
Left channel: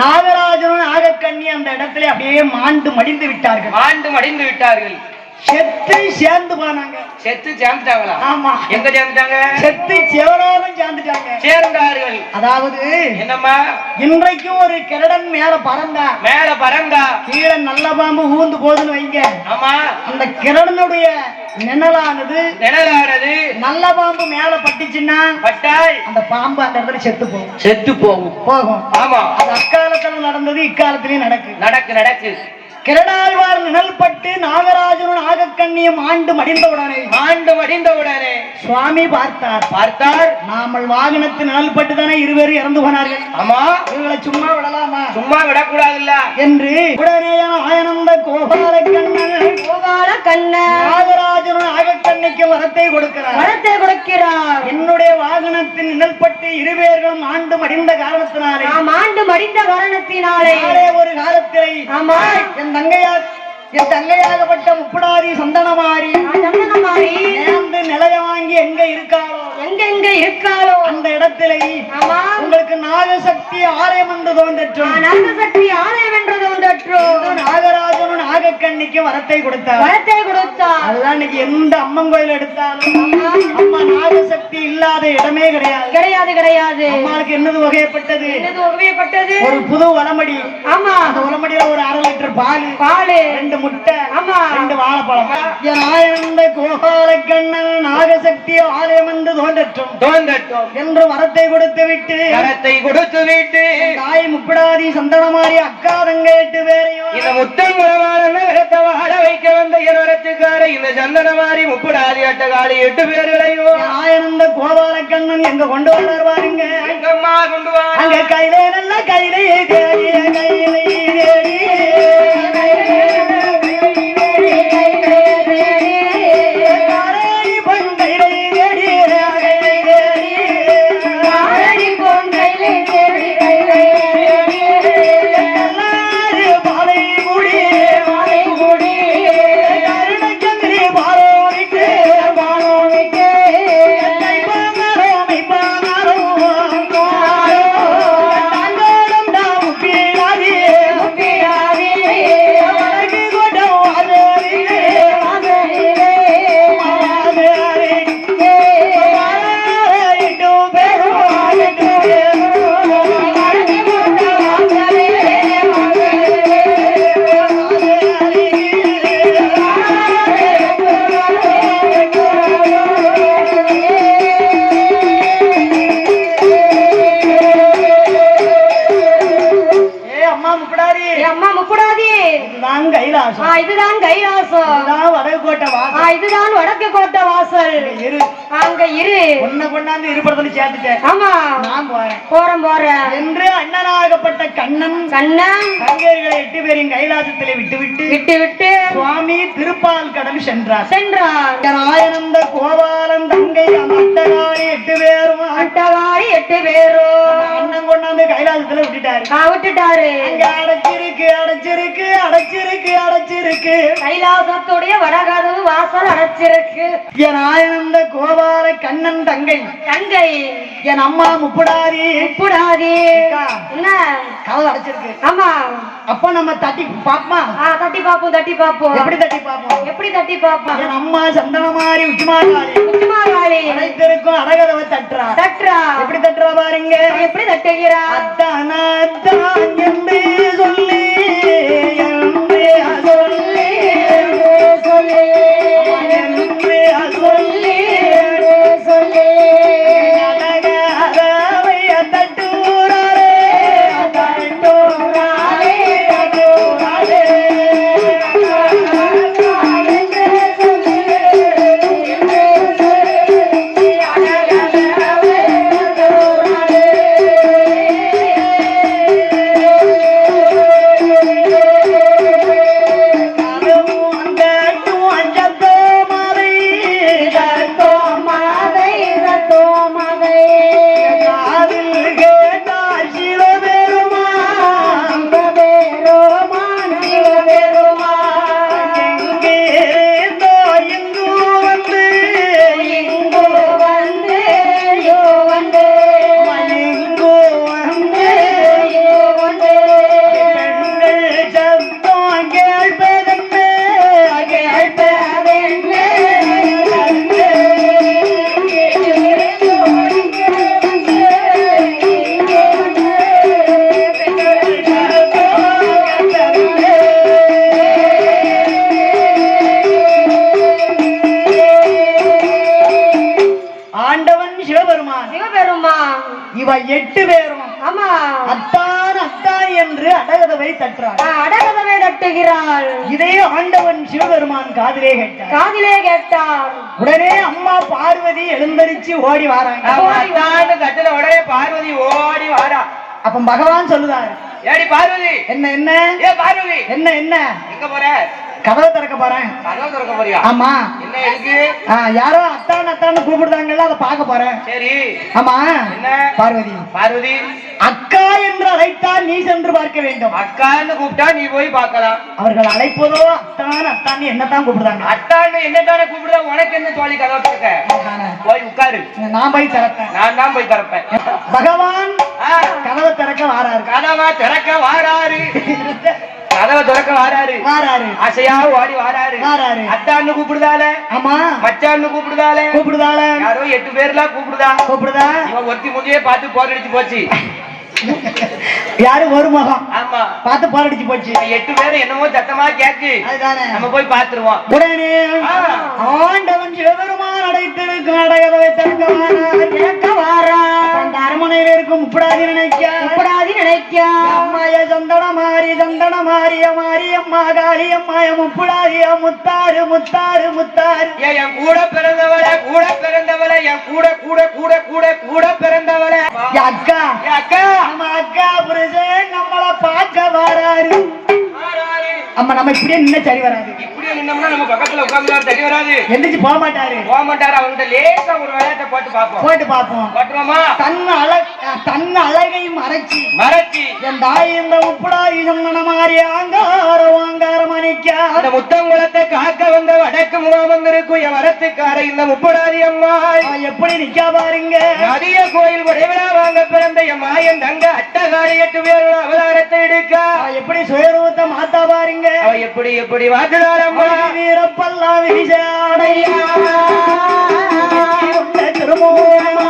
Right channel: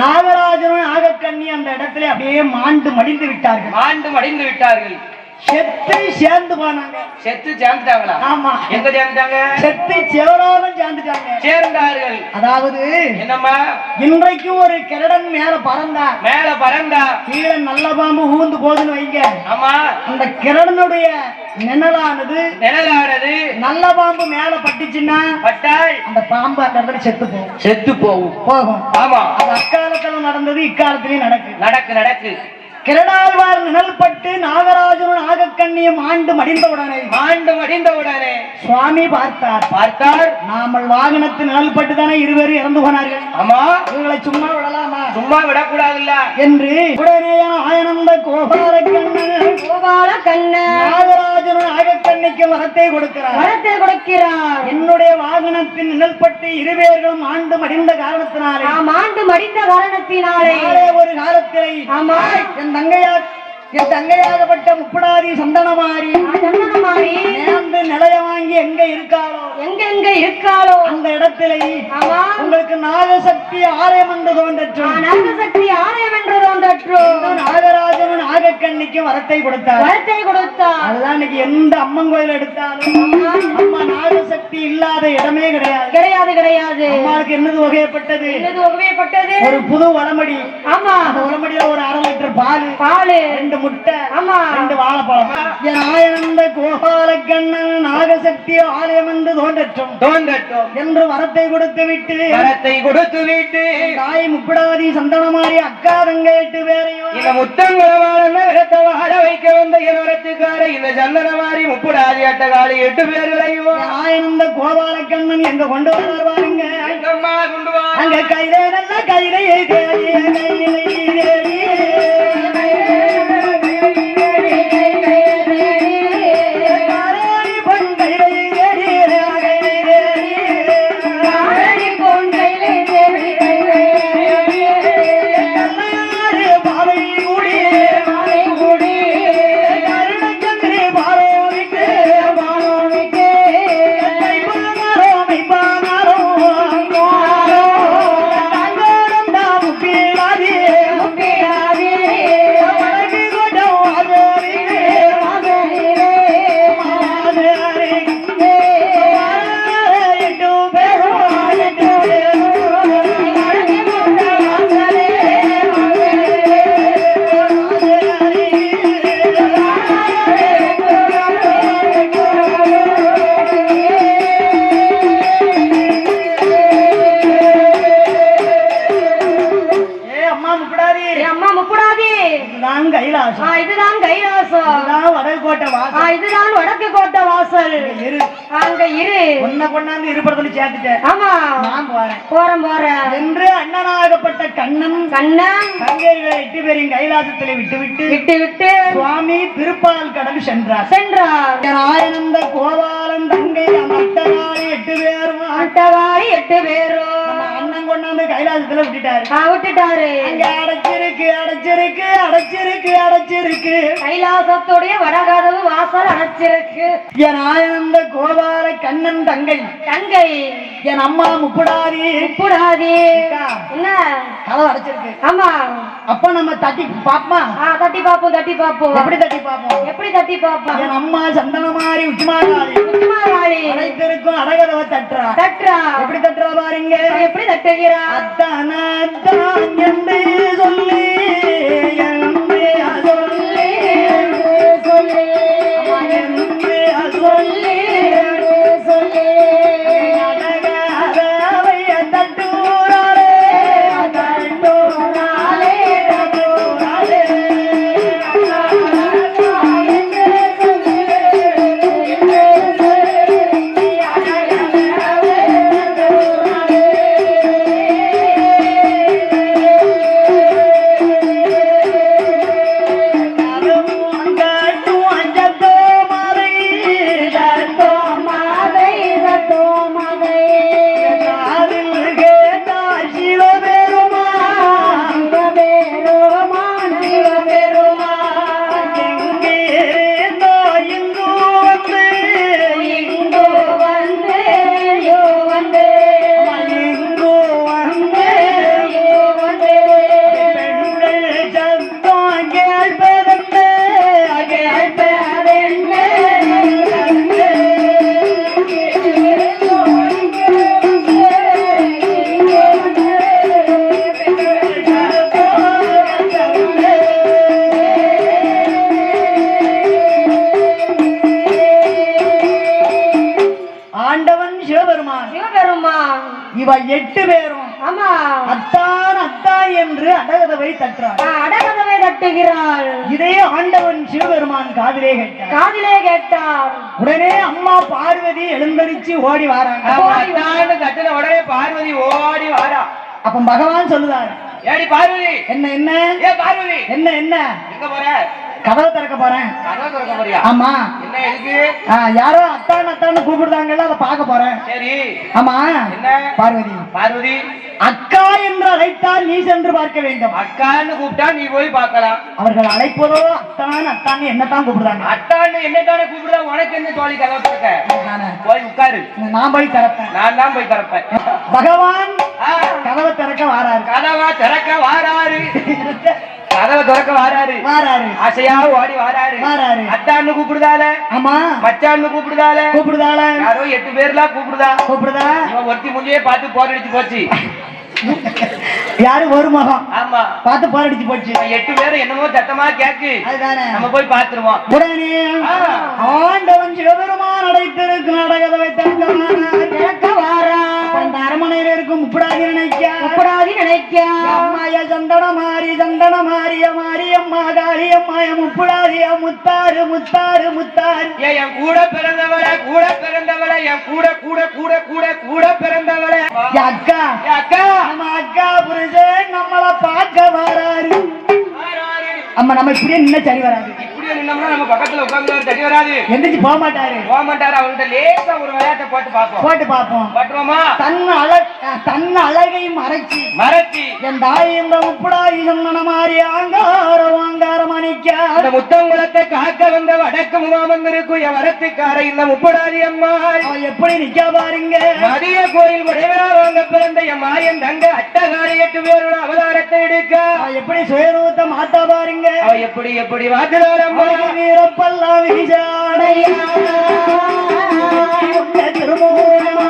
நாகராஜனும் நாகக்கண்ணி அந்த இடத்துல அப்படியே மாண்டு மடிந்து விட்டார்கள். செத்து சேர்ந்து போனாங்க. செத்து சேர்ந்துட்டாங்களா? ஆமா. எங்க சேர்ந்துட்டாங்க? செத்து செவரோரம் சேர்ந்தார்கள். அதாவது என்னம்மா இன்றைக்கும் ஒரு கிரடன் மேல பறந்தா கீழே நல்ல பாம்பு ஊந்து போதுன்னு வைங்க. ஆமா அந்த கிரடனுடைய நிழலானது நல்ல பாம்பு மேல பட்டுச்சுன்னா அந்த பாம்பு அந்த இடத்துல செத்து போகும். ஆமா அது அக்காலத்துல நடந்தது, இக்காலத்திலயும் நடக்கு. கிரடாழ்வார் நிழல்பட்டு நாகராஜனும் நாகக்கண்ணியும் ஆண்டு மடிந்தவுடனே சுவாமி பார்த்தார். நாமல் வாகனத்து நிழல்பட்டு தானே 2 பேரும் இறந்து போனார்கள். ஆமா இவங்களை சும்மா விடலாமா? சும்மா விடக்கூடாதுல்ல என்று உடனே ஆயனந்த கோபால கண்ணன் நாகராஜனும் நாகக்கண்ணிக்கு வரத்தை கொடுக்கிறார். என்னுடைய வாகனத்தின் நிழல்பட்டு 2 பேர்களும் ஆண்டு மடிந்த காரணத்தினாலே ஒரு காலத்திலே என் தங்கையார் என் தங்கையாகப்பட்ட முப்படாதி சந்தனமாரி சந்தனமாரி நேர்ந்து நிலைய வாங்கி எங்க இருக்காளோ எங்க இருக்காளோ அந்த இடத்திலே ஆமா உங்களுக்கு நாகசக்தி ஆலயம் என்று தோன்றற்றும் நாகசக்தி ஆலயம் என்று தோன்றற்றும் நாகராஜனும் நாகக்கண்ணிக்கு வரத்தை கொடுத்தார் அதுதான் இன்னைக்கு எந்த அம்மன் கோயில் எடுத்தாலும் அம்மா நாகசக்தி இல்லாத இடமே கிடையாது கிடையாது அம்மாவுக்கு என்னது வகையப்பட்டது ஒரு புது வளமடி ஆமா அந்த வளமடியில ஒரு 1/2 லிட்டர் பால் 2 முட்டை ஆமா 2 வாழைப்பழம் என் ஆயனந்த கோபால கண்ணன் நாகசக்தி ஆலயம் என்று தோன்றட்டும் என்று வரத்தை கொடுத்து விட்டு தாய் முப்படாதி சந்தனமாரி அக்கா தங்க 8 பேரையும் இந்த முத்தங்குளவாளன் இடத்தை வாழ வைக்க வந்த இரத்துக்கார இந்த சந்தனமாரி முப்படாதி அட்டகாலி 8 பேர்களையும் ஆயனந்த கோபால கண்ணன் எங்க கொண்டு வர்றார் பாருங்க எங்கம்மா கொண்டு வா அங்க கையிலே நல்ல கையிலே தேடி கையிலே தேடி இதுதான் கைலாசம் இதுதான் வடக்கு கோட்டை வாசல் அங்க இரு ஒன்ன கொண்டாந்து இருபடத்துல சேர்த்துட்டேன் ஆமா நான் போறேன் என்று அண்ணனாகப்பட்ட கண்ணன் தங்கையர்களை 8 பேரையும் கைலாசத்திலே விட்டு சுவாமி திருப்பால் கடல் சென்றார் ஆயனந்த கோபாலன் தங்கை அட்டகாரி 8 பேரும் அண்ணன் கொண்டாந்து கைலாசத்துல விட்டுட்டாரு அடைச்சிருக்கு கைலாசத்துடைய வடகதவு வாசல் அடைச்சிருக்கு என் ஆயனந்த கோபால கண்ணன் தங்கை என் அம்மா முப்படாதி என்ன கதவு அடைச்சிருக்கு ஆமா அப்ப நம்ம தட்டி பாப்போம் எப்படி தட்டி பாப்போம் என் அம்மா சந்தனமாரி உச்சிமாகாளி அடைத்திருக்கும் அடகதவை தட்டுறா எப்படி தட்டுறா பாருங்க எப்படி தட்டுகிறா அத்தான் என்று சொல்லி இவ 8 பேரும் ஆமா அத்தான் என்று அடகதவை தட்டுகிறாள் இதே ஆண்டவன் சிவபெருமான் காதிலே கேட்டார் உடனே அம்மா பார்வதி எழுந்தரிச்சு ஓடி வாராங்க தட்டுல உடனே பார்வதி ஓடி வாரா அப்ப பகவான் சொல்லுதாரு ஏடி பார்வதி என்ன ஏ பார்வதி என்ன எங்க போற கதவை திறக்க போறேன். கதவை திறக்க போறியா? ஆமா. என்ன இருக்கு? யாரோ அத்தான் அத்தான்னு கூப்பிடுறாங்கல்ல, அதை பார்க்க போறேன். சரி. ஆமா. என்ன? பார்வதி. பார்வதி அக்கா என்று அழைத்தால் நீ சென்று பார்க்க வேண்டும். அக்கான்னு கூப்பிட்டா நீ போய் பார்க்கலாம். அவர்கள் அழைப்பதோ அத்தான் அத்தான்னு என்னத்தான் கூப்பிடுறாங்க. அத்தான்னு என்னத்தானே கூப்பிடுறா? உனக்கு என்ன தோழி கதவை திறக்க? போய் உட்காரு. நான் போய் திறப்பேன். நான் தான் போய் திறப்பேன். பகவான் கதவை திறக்க வாராரு. கதவை திறக்க வாராரு. கதவை திறக்க வாராரு. வாராரு. ஆசையா ஓடி வாராரு. வாராரு. அத்தான்னு கூப்பிடுதால. ஆமா. மச்சான்னு கூப்பிடுதால. கூப்பிடுதால. யாரோ 8 பேர்லாம் கூப்பிடுதா. கூப்பிடுதா. இவன் ஒருத்தி முன்னையே பார்த்து போர் அடிச்சு போச்சு. யாரு ஒரு முகம். ஆமா. பார்த்து போர் அடிச்சு போச்சு. 8 பேரும் என்னமோ சத்தமா கேக்கு. அதுதானே. நம்ம போய் பாத்துருவோம். உடனே ஆண்டவன் சிவபெருமான் அடைத்திருக்கும் அடகதவை தங்கமான கேட்க வாரா. அந்த அரமனையில இருக்கும் முப்படாதி நினைக்கா. முப்படாதி நினைக்கா. அம்மாய சந்தன மாறி அம்மா காளி அம்மாய முப்படாதிய முத்தாறு முத்தாறு முத்தாறு. என் கூட பிறந்தவள என் கூட பிறந்தவள அக்கா அக்கா நம்ம அக்கா புருஷன் நம்மளை பார்க்க வராரு. அம்மா நம்ம இப்படியே நின்ன சரி வராது. இப்படியே நின்னோம்னா நம்ம பக்கத்துல உட்கார்ந்து சரி வராது. எந்திரிச்சு போக மாட்டாரு. அவங்கள்ட்ட லேசா ஒரு விளையாட்டை போட்டு பார்ப்போம். போட்டுருவோமா? தன் அழகை மறைச்சி என் தாய் இந்த முப்படாதி சந்தன மாறி ஆங்காரம் அணிக்க அந்த முத்தங்குளத்தை காக்க வந்த வடக்கு முகாமந்திருக்கும் என் வரத்துக்கார இந்த முப்படாதி அம்மா எப்படி நிக்க பாருங்க. நதிய கோயில் உடையவரா வாங்க பிறந்த என் மாயன் தங்க அட்டகாரி 8 பேரோட அவதாரத்தை எடுக்க எப்படி சுயரூபத்தை மாத்தா பாருங்க. எப்படி வாத்துதாரம்மா வீரப்பல்லா வீசாடையா திருமோமா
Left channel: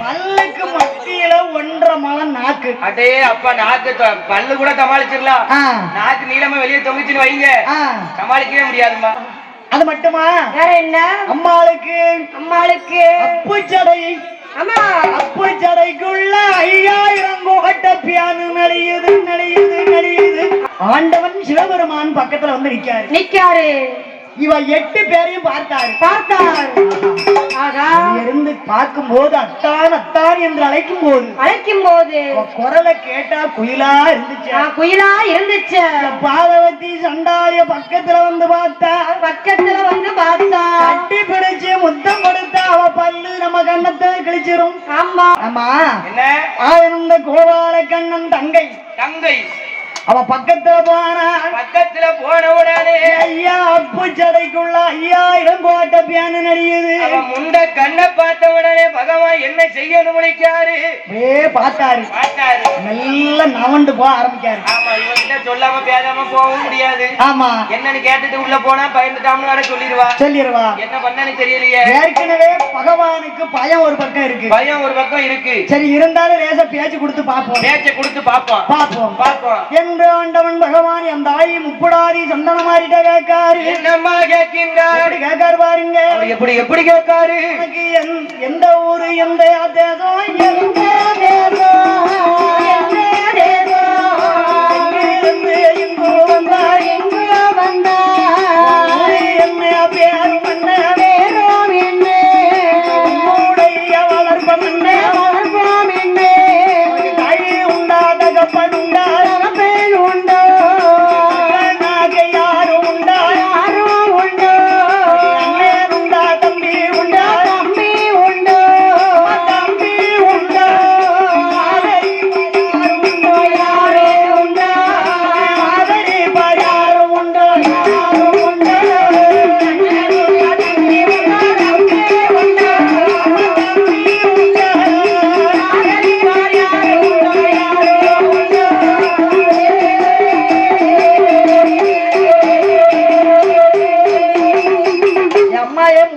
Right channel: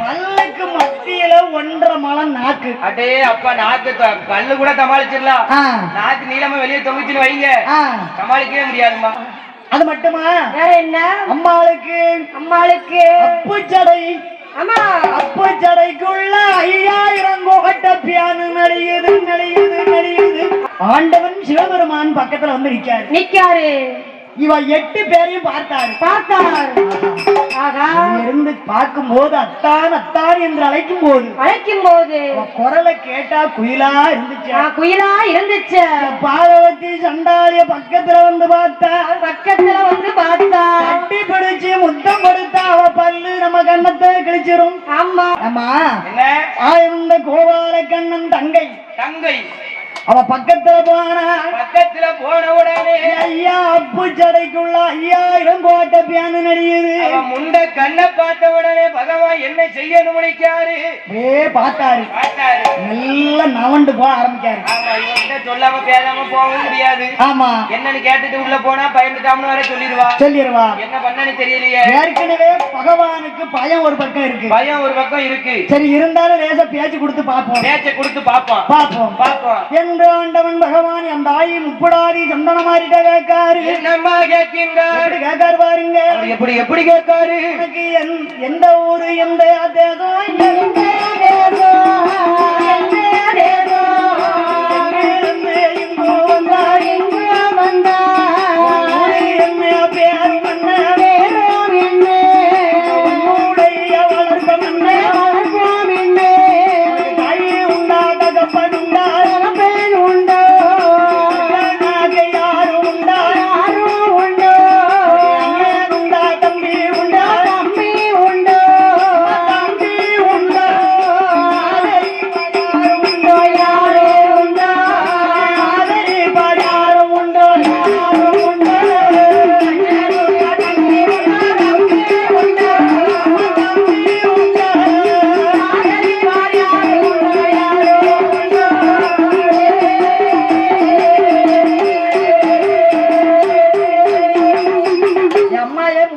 பல்லுக்கு மத்தியில 1.5 முழம் நாக்கு. அடே அப்பா, நாக்கு பல்லு கூட சமாளிச்சிடலாம். நாக்கு நீளமா வெளியே தொங்குச்சுன்னு வைங்க, சமாளிக்கவே முடியாதுமா. அது மட்டுமா? வேற என்ன? அம்மாளுக்கு அப்புச்சடை. ஆமா, அப்புச்சடைக்குள்ள 5000 கோட்ட பியானு நடியுது. ஆண்டவன் சிவபெருமான் பக்கத்துல வந்து நிக்காரு. இவ 8 பேரையும் பார்த்தார். இருந்து பார்க்கும் போது அத்தான் என்று அழைக்கும் போது குரலை கேட்டா குயிலா இருந்துச்சு. பாதவத்தி சண்டாளிய பக்கத்துல வந்து பார்த்தா கட்டி பிடிச்சு முத்தம் கொடுத்தா அவ பல்லு நம்ம கண்ணத்தை கிழிச்சிரும். ஆமா ஆயிருந்த கோபால கண்ணன் தங்கை அவ பக்கத்துல போன உடனே ஐயா அப்புச்சடைக்குள்ள 5000 கோட்டை பியானு நடியுது. முண்ட கண்ணை பார்த்த உடனே பகவான் என்ன செய்யணும் நினைச்சாரு. பார்த்தாரு. நல்ல நவண்டு போக ஆரம்பிச்சாரு. ஆமா, இவன்கிட்ட சொல்லாம பேசாம போகவும் முடியாது. ஆமா, என்னன்னு கேட்டுட்டு உள்ள போனா பயந்துட்டாம்னு வர சொல்லிடுவா. என்ன பண்ணனு தெரியலையே. ஏற்கனவே பகவானுக்கு பயம் ஒரு பக்கம் இருக்கு. சரி, இருந்தாலும் லேசா பேச்சு கொடுத்து பார்ப்போம். ஆண்டவன் பகவான் அந்த தாய் முப்படாதி சந்தன மாறிட்ட கேட்காரு. என்னம்மா கேட்காரு பாருங்க. எப்படி கேட்காரு? எனக்கு எந்த ஊரு, எந்த தேசம்,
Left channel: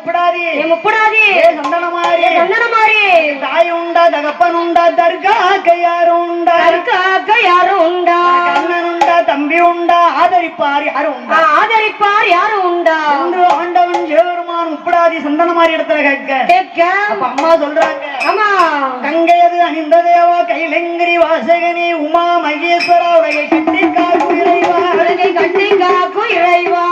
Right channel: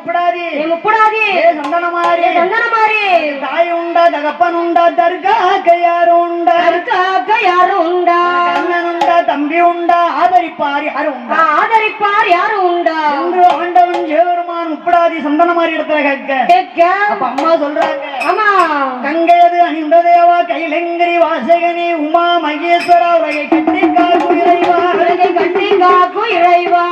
முப்படாதி முப்படாதி சந்தனமாரி சந்தனமாரி தாய் உண்டா தகப்பன் உண்டா தற்காக்க யாரும் உண்டா அதற்காக யாரும் உண்டா அண்ணன் உண்டா தம்பி உண்டா ஆதரிப்பார் யாரும் உண்டா ஆதரிப்பார் யாரும் உண்டா என்று ஆண்டவன் சிவபெருமான் முப்படாதி சந்தனமாரி இடத்துல கேட்க கேட்க அப்ப அம்மா சொல்றாங்க ஆமா கங்கையது அணிந்த தேவா கைலங்கிரி வாசகனி உமா மகேஸ்வரா உலகை கட்டி காக்கும் இறைவா உலகை கட்டி காக்கும் இறைவா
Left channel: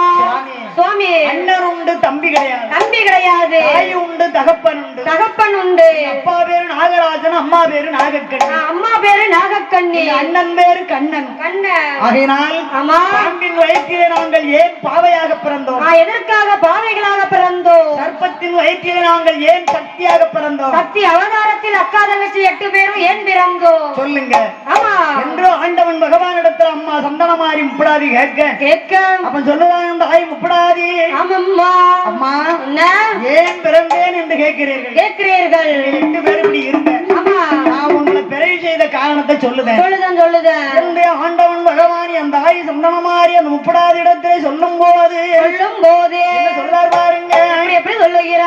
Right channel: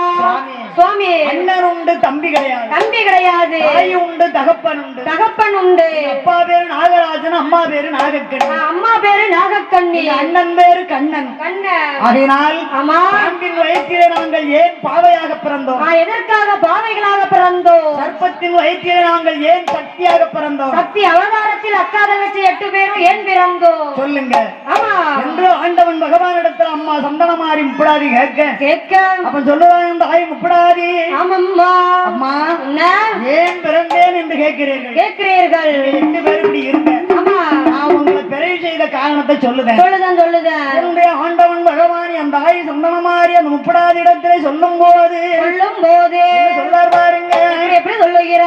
சுவாமி அண்ணன் உண்டு தம்பி கிடையாது தம்பி கிடையாது தாய் உண்டு தகப்பன் உண்டு தகப்பன் உண்டு அப்பா பேரு நாகராஜன் அம்மா பேரு நாகக்கண்ணி அம்மா பேரு நாகக்கண்ணி அண்ணன் பேரு கண்ணன் கண்ணன் அதனால் ஆமா பாம்பின் வயிற்றிலே நாங்கள் ஏன் பாவையாக பிறந்தோம் எதற்காக பாவைகளாக பிறந்தோம் சர்ப்பத்தின் வயிற்றிலே நாங்கள் ஏன் சக்தியாக பிறந்தோம் சக்தி அவதாரத்தில் அக்கா தங்கச்சி 8 பேரும் ஏன் பிறந்தோம் சொல்லுங்க ஆமா என்று ஆண்டவன் பகவான் இடத்துல அம்மா சந்தனமாரி முப்படாதி கேட்க கேட்க அப்ப சொல்லுறாங்க தாய் முப்படாதி ஆமம்மா அம்மா என்ன ஏன் பிறந்தேன் என்று கேட்கிறீர்கள் கேட்கிறீர்கள் 8 பேர் இப்படி இருக்க ஆமா நான் உங்களை பிறகு செய்த காரணத்தை சொல்லுதேன் சொல்லுதேன் என்னுடைய ஆண்டவன் பகவான் அந்த தாய் சந்தனமாரி அந்த முப்படாதி இடத்திலே சொல்லும் போது சொல்லும் போது சொல்றார் பாருங்க எப்படி சொல்லுகிறார்